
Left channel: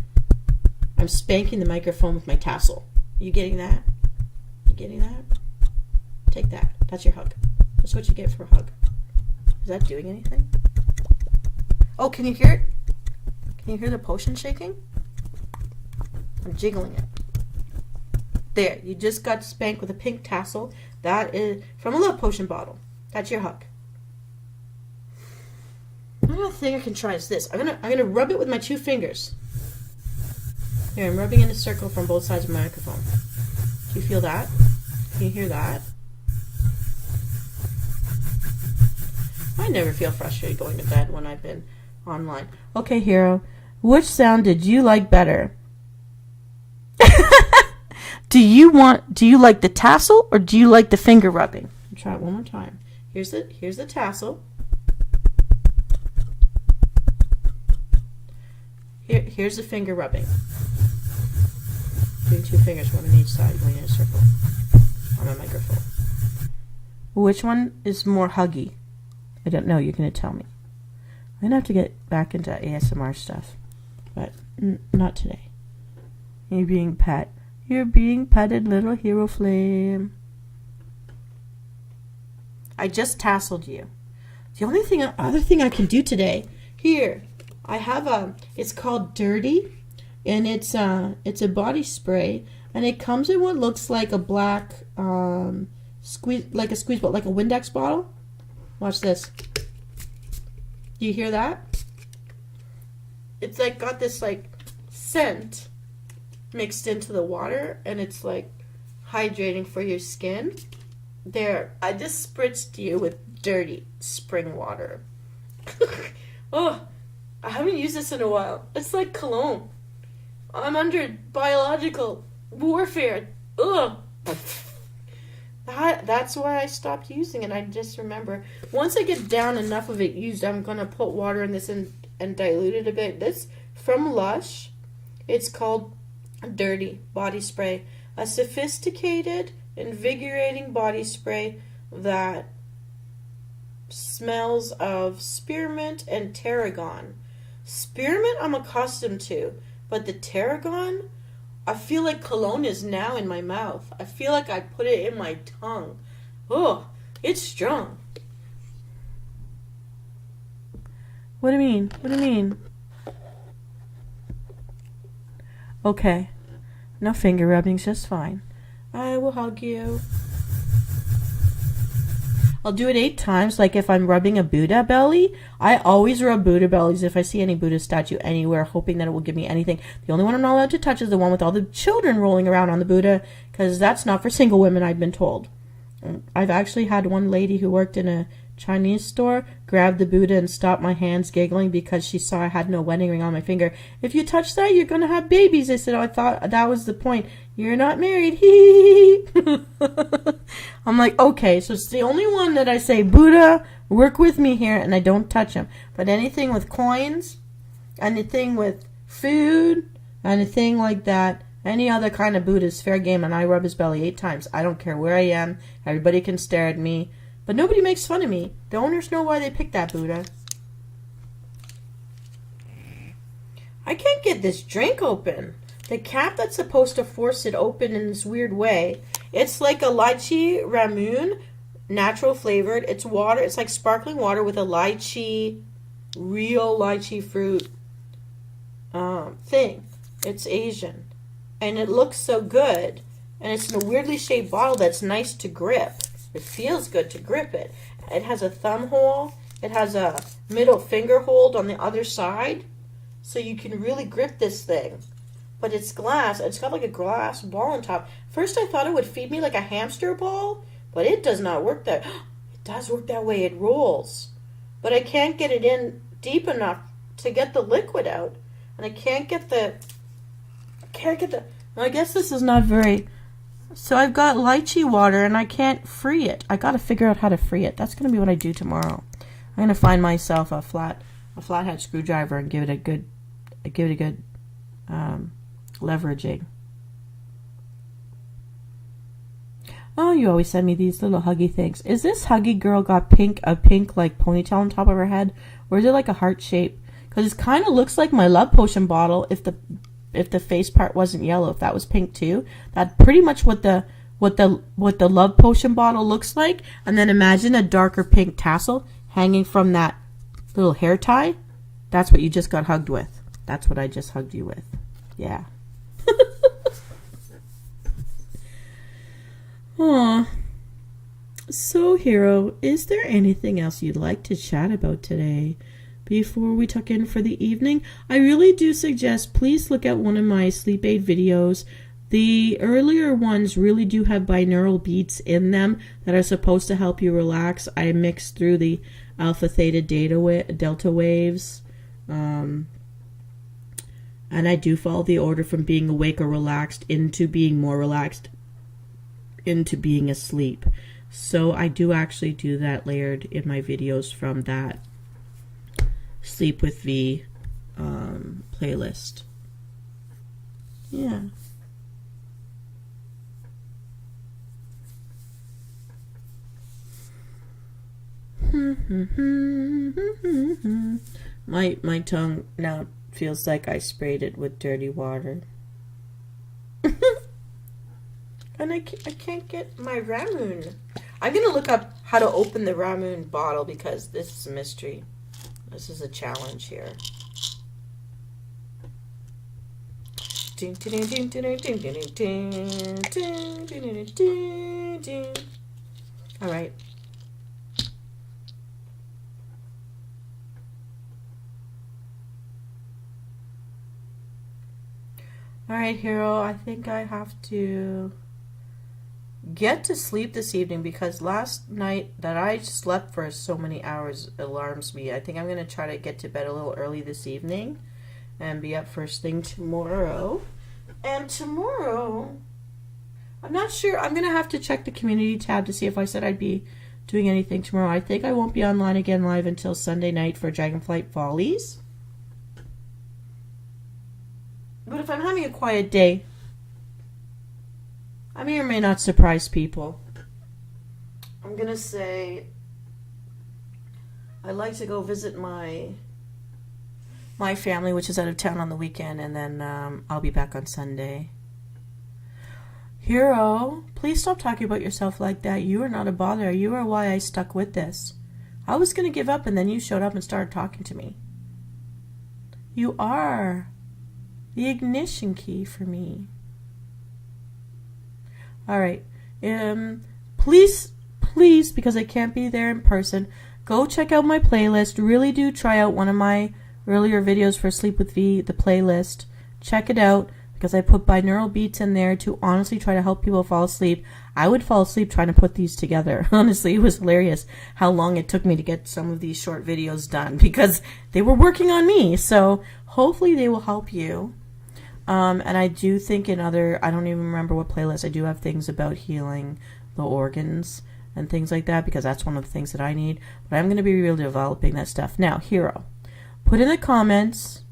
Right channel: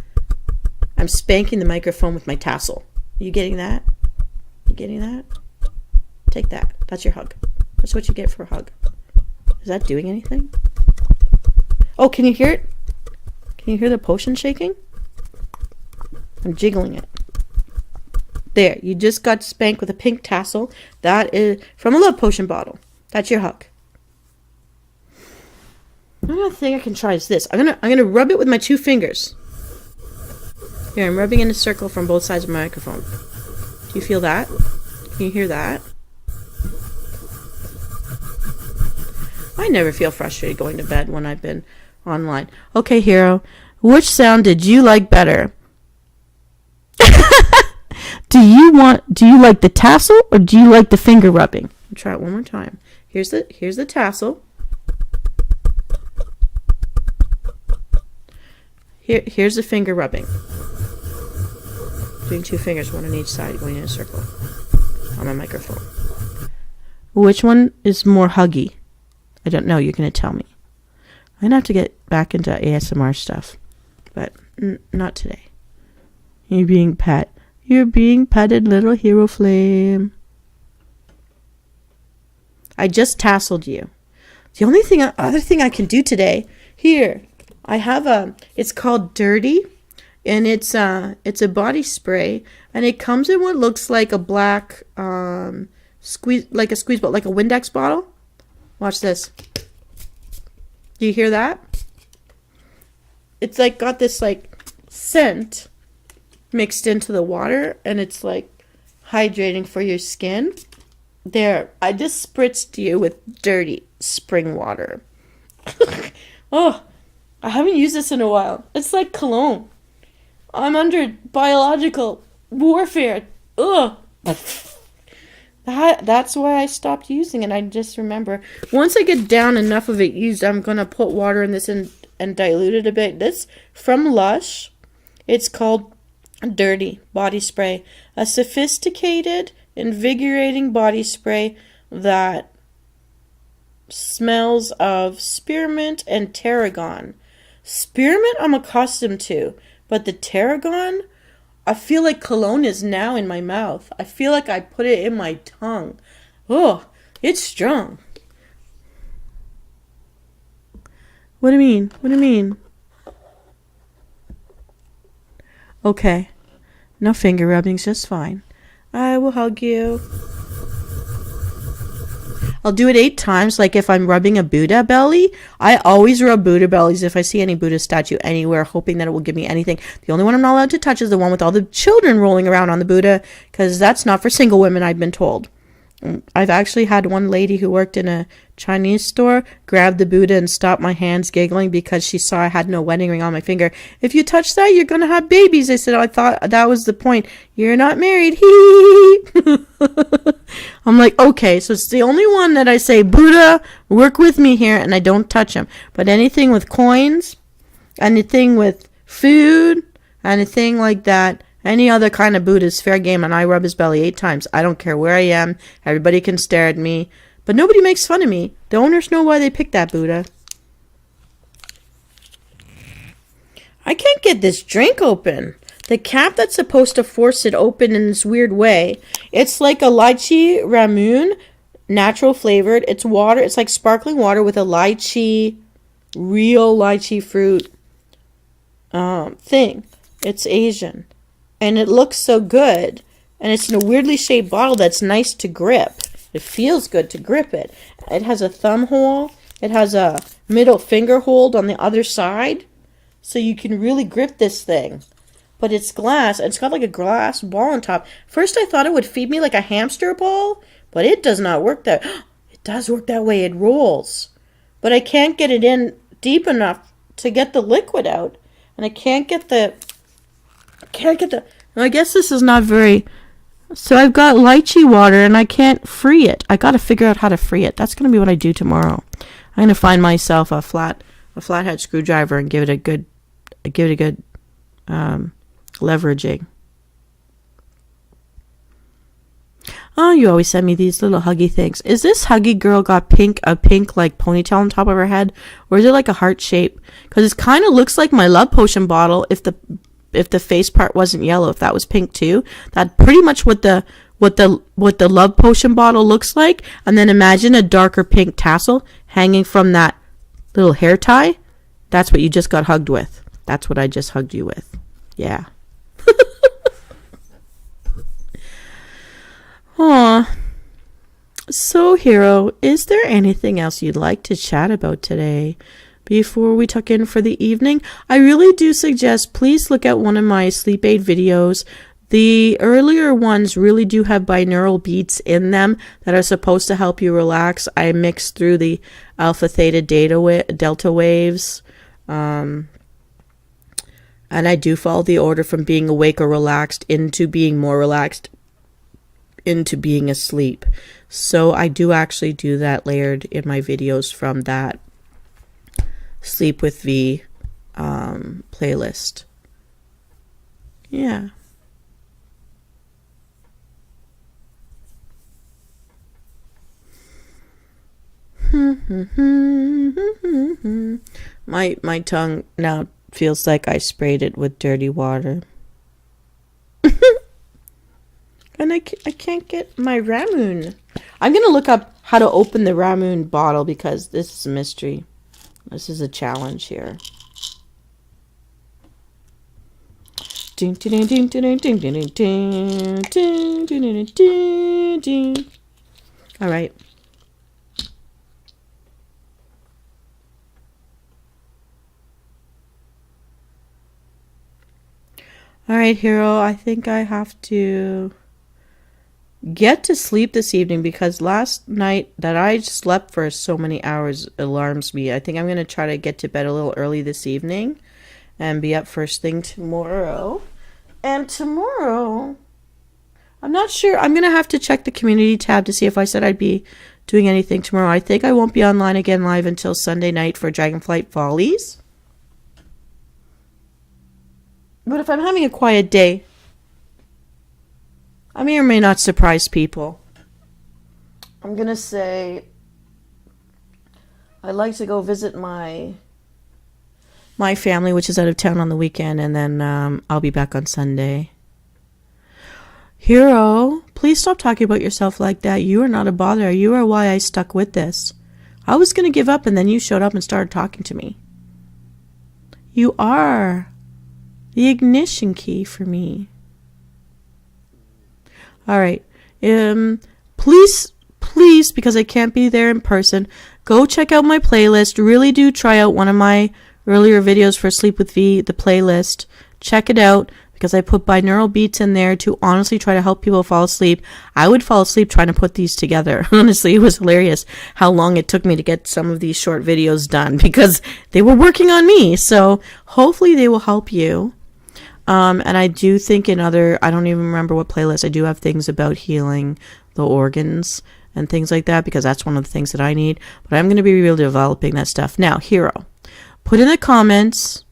I'm spanking the microphone with my tassel. Are you getting that? You getting that? Take that. That's your hug. That's what you get for a hug. Is that doing anything? Oh, can you hear it? Can you hear the potion shaking? I'm jiggling it. There, you just got spanked with a pink tassel. That is from a love potion bottle. That's your hug. Another thing I can try is this. I'm gonna rub it with my 2 fingers. Here, I'm rubbing in a circle from both sides of my microphone. Do you feel that? Can you hear that? I never feel frustrated going to bed when I've been online. Okay, hero. Which sound did you like better? Do you like the tassel or do you like the finger rubbing? I'll try it one more time. Here's the tassel. Here's the finger rubbing. Doing 2 fingers, one on each side, going in a circle on my microphone. Which one is more huggy? I don't know. You're going to tell me. I'm going to have to get back into ASMR stuff, but not today. You're being pet. You're being petted, little hero flame. I just tasseled you. The other thing I can do today, here, I have it's called Dirty, and it's a body spray, and it comes in what looks like a black squeeze bottle, like a Windex bottle. Watch this. Do you hear that? It's like got this like scent mixed into the water, and it's like hydrating for your skin. There, I just spritzed you with Dirty spring water. Oh, I haven't used this in a while. It's like cologne. I'm under biological warfare. Ugh. That's why I stopped using it. I just remember. Once I get down enough of it used, I'm going to put water in this and dilute it a bit. This from Lush. It's called Dirty Body Spray. A sophisticated, invigorating body spray that smells of spearmint and tarragon. Spearmint I'm accustomed to, but the tarragon, I feel like cologne is now in my mouth. I feel like I put it in my tongue. Oh, it's strong. What do you mean? What do you mean? Okay. No finger rubbing's just fine. I will hug you. I'll do it 8 times, like if I'm rubbing a Buddha belly. I always rub Buddha bellies if I see any Buddha statue anywhere, hoping that it will give me anything. The only one I'm not allowed to touch is the one with all the children rolling around on the Buddha, because that's not for single women, I've been told. I've actually had one lady who worked in a Chinese store grab the Buddha and stop my hands giggling because she saw I had no wedding ring on my finger. If you touch that, you're going to have babies. I said, I thought that was the point. You're not married. Hee. I'm like, okay, so it's the only one that I say, Buddha, work with me here, and I don't touch him. But anything with coins, anything with food, anything like that, any other kind of Buddha is fair game, and I rub his belly 8 times. I don't care where I am. Everybody can stare at me. But nobody makes fun of me. The owners know why they picked that Buddha. I can't get this drink open. The cap that's supposed to force it open in this weird way. It's like a lychee ramoon, natural flavored. It's water. It's like sparkling water with a lychee, real lychee fruit thing. It's Asian. And it looks so good. And it's in a weirdly shaped bottle that's nice to grip. It feels good to grip it. It has a thumb hole. It has a middle finger hold on the other side. So you can really grip this thing. But it's glass. It's got like a glass ball on top. First I thought it would feed me like a hamster ball. But it does not work that. It does work that way. It rolls. But I can't get it in deep enough to get the liquid out. And I can't get the... I guess this is not very... So I've got lychee water and I can't free it. I got to figure out how to free it. That's going to be what I do tomorrow. I'm going to find myself a flathead screwdriver and give it a good leveraging. Oh, you always send me these little huggy things. Is this huggy girl got a pink like ponytail on top of her head, or is it like a heart shape? Because it kind of looks like my love potion bottle if the face part wasn't yellow, if that was pink too. That's pretty much what the love potion bottle looks like. And then imagine a darker pink tassel hanging from that little hair tie. That's what you just got hugged with. That's what I just hugged you with. Yeah. Aw. So, Hero, is there anything else you'd like to chat about today? Before we tuck in for the evening, I really do suggest please look at one of my sleep aid videos. The earlier ones really do have binaural beats in them that are supposed to help you relax. I mix through the alpha, theta, delta waves. And I do follow the order from being awake or relaxed into being more relaxed into being asleep. So I do actually do that layered in my videos from that Sleep with V playlist. Yeah. My tongue now feels like I sprayed it with dirty water. And I can't get my Ramoon. I'm going to look up how to open the Ramoon bottle because this is a mystery. This is a challenge here. All right. All right, Hero, I think I have to get to sleep this evening because last night that I slept for so many hours alarms me. I think I'm going to try to get to bed a little early this evening and be up first thing tomorrow. And tomorrow, I'm not sure. I'm going to have to check the community tab to see if I said I'd be doing anything tomorrow. I think I won't be online again live until Sunday night for Dragonflight Follies. But if I'm having a quiet day, I may or may not surprise people. I'm going to say I'd like to go visit my family, which is out of town on the weekend, and then I'll be back on Sunday. Hero, please stop talking about yourself like that. You are not a bother. You are why I stuck with this. I was going to give up, and then you showed up and started talking to me. You are the ignition key for me. All right. Please, because I can't be there in person, go check out my playlist. Really do try out one of my earlier videos for Sleep with V, the playlist. Check it out because I put binaural beats in there to honestly try to help people fall asleep. I would fall asleep trying to put these together. Honestly, it was hilarious how long it took me to get some of these short videos done because they were working on me. So hopefully they will help you. And I do think I don't even remember what playlist, I do have things about healing the organs and things like that because that's one of the things that I need. But I'm going to be really developing that stuff. Now, Hero, put in the comments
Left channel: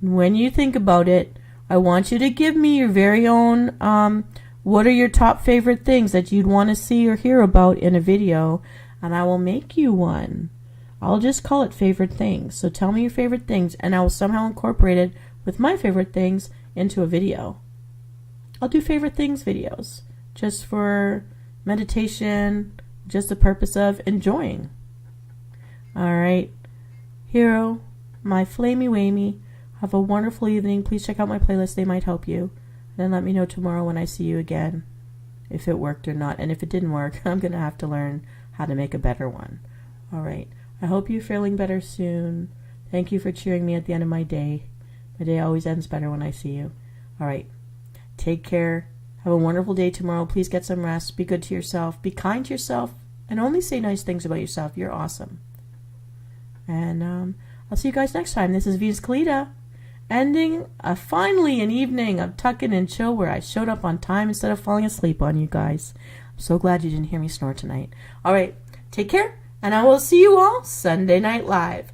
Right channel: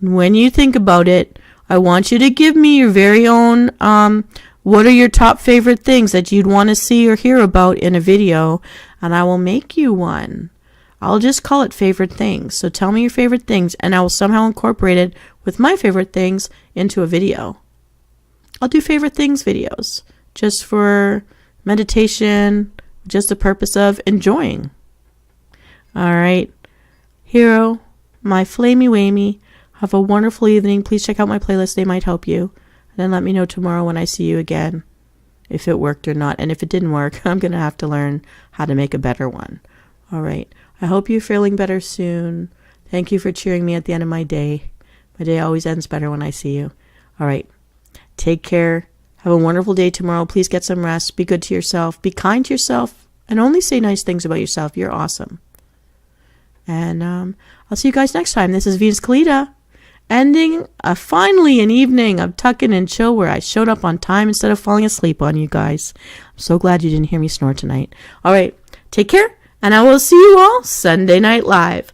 when you think about it. I want you to give me your very own, what are your top favorite things that you'd want to see or hear about in a video, and I will make you one. I'll just call it favorite things. So tell me your favorite things, and I will somehow incorporate it with my favorite things into a video. I'll do favorite things videos just for meditation, just the purpose of enjoying. All right, Hero, my flamey wamey, have a wonderful evening. Please check out my playlist. They might help you. And then let me know tomorrow when I see you again if it worked or not. And if it didn't work, I'm going to have to learn how to make a better one. All right. I hope you're feeling better soon. Thank you for cheering me at the end of my day. My day always ends better when I see you. All right. Take care. Have a wonderful day tomorrow. Please get some rest. Be good to yourself. Be kind to yourself. And only say nice things about yourself. You're awesome. And I'll see you guys next time. This is Venus Kalita, ending finally an evening of tuck in and chill where I showed up on time instead of falling asleep on you guys. I'm so glad you didn't hear me snore tonight. All right. Take care. And I will see you all Sunday night live.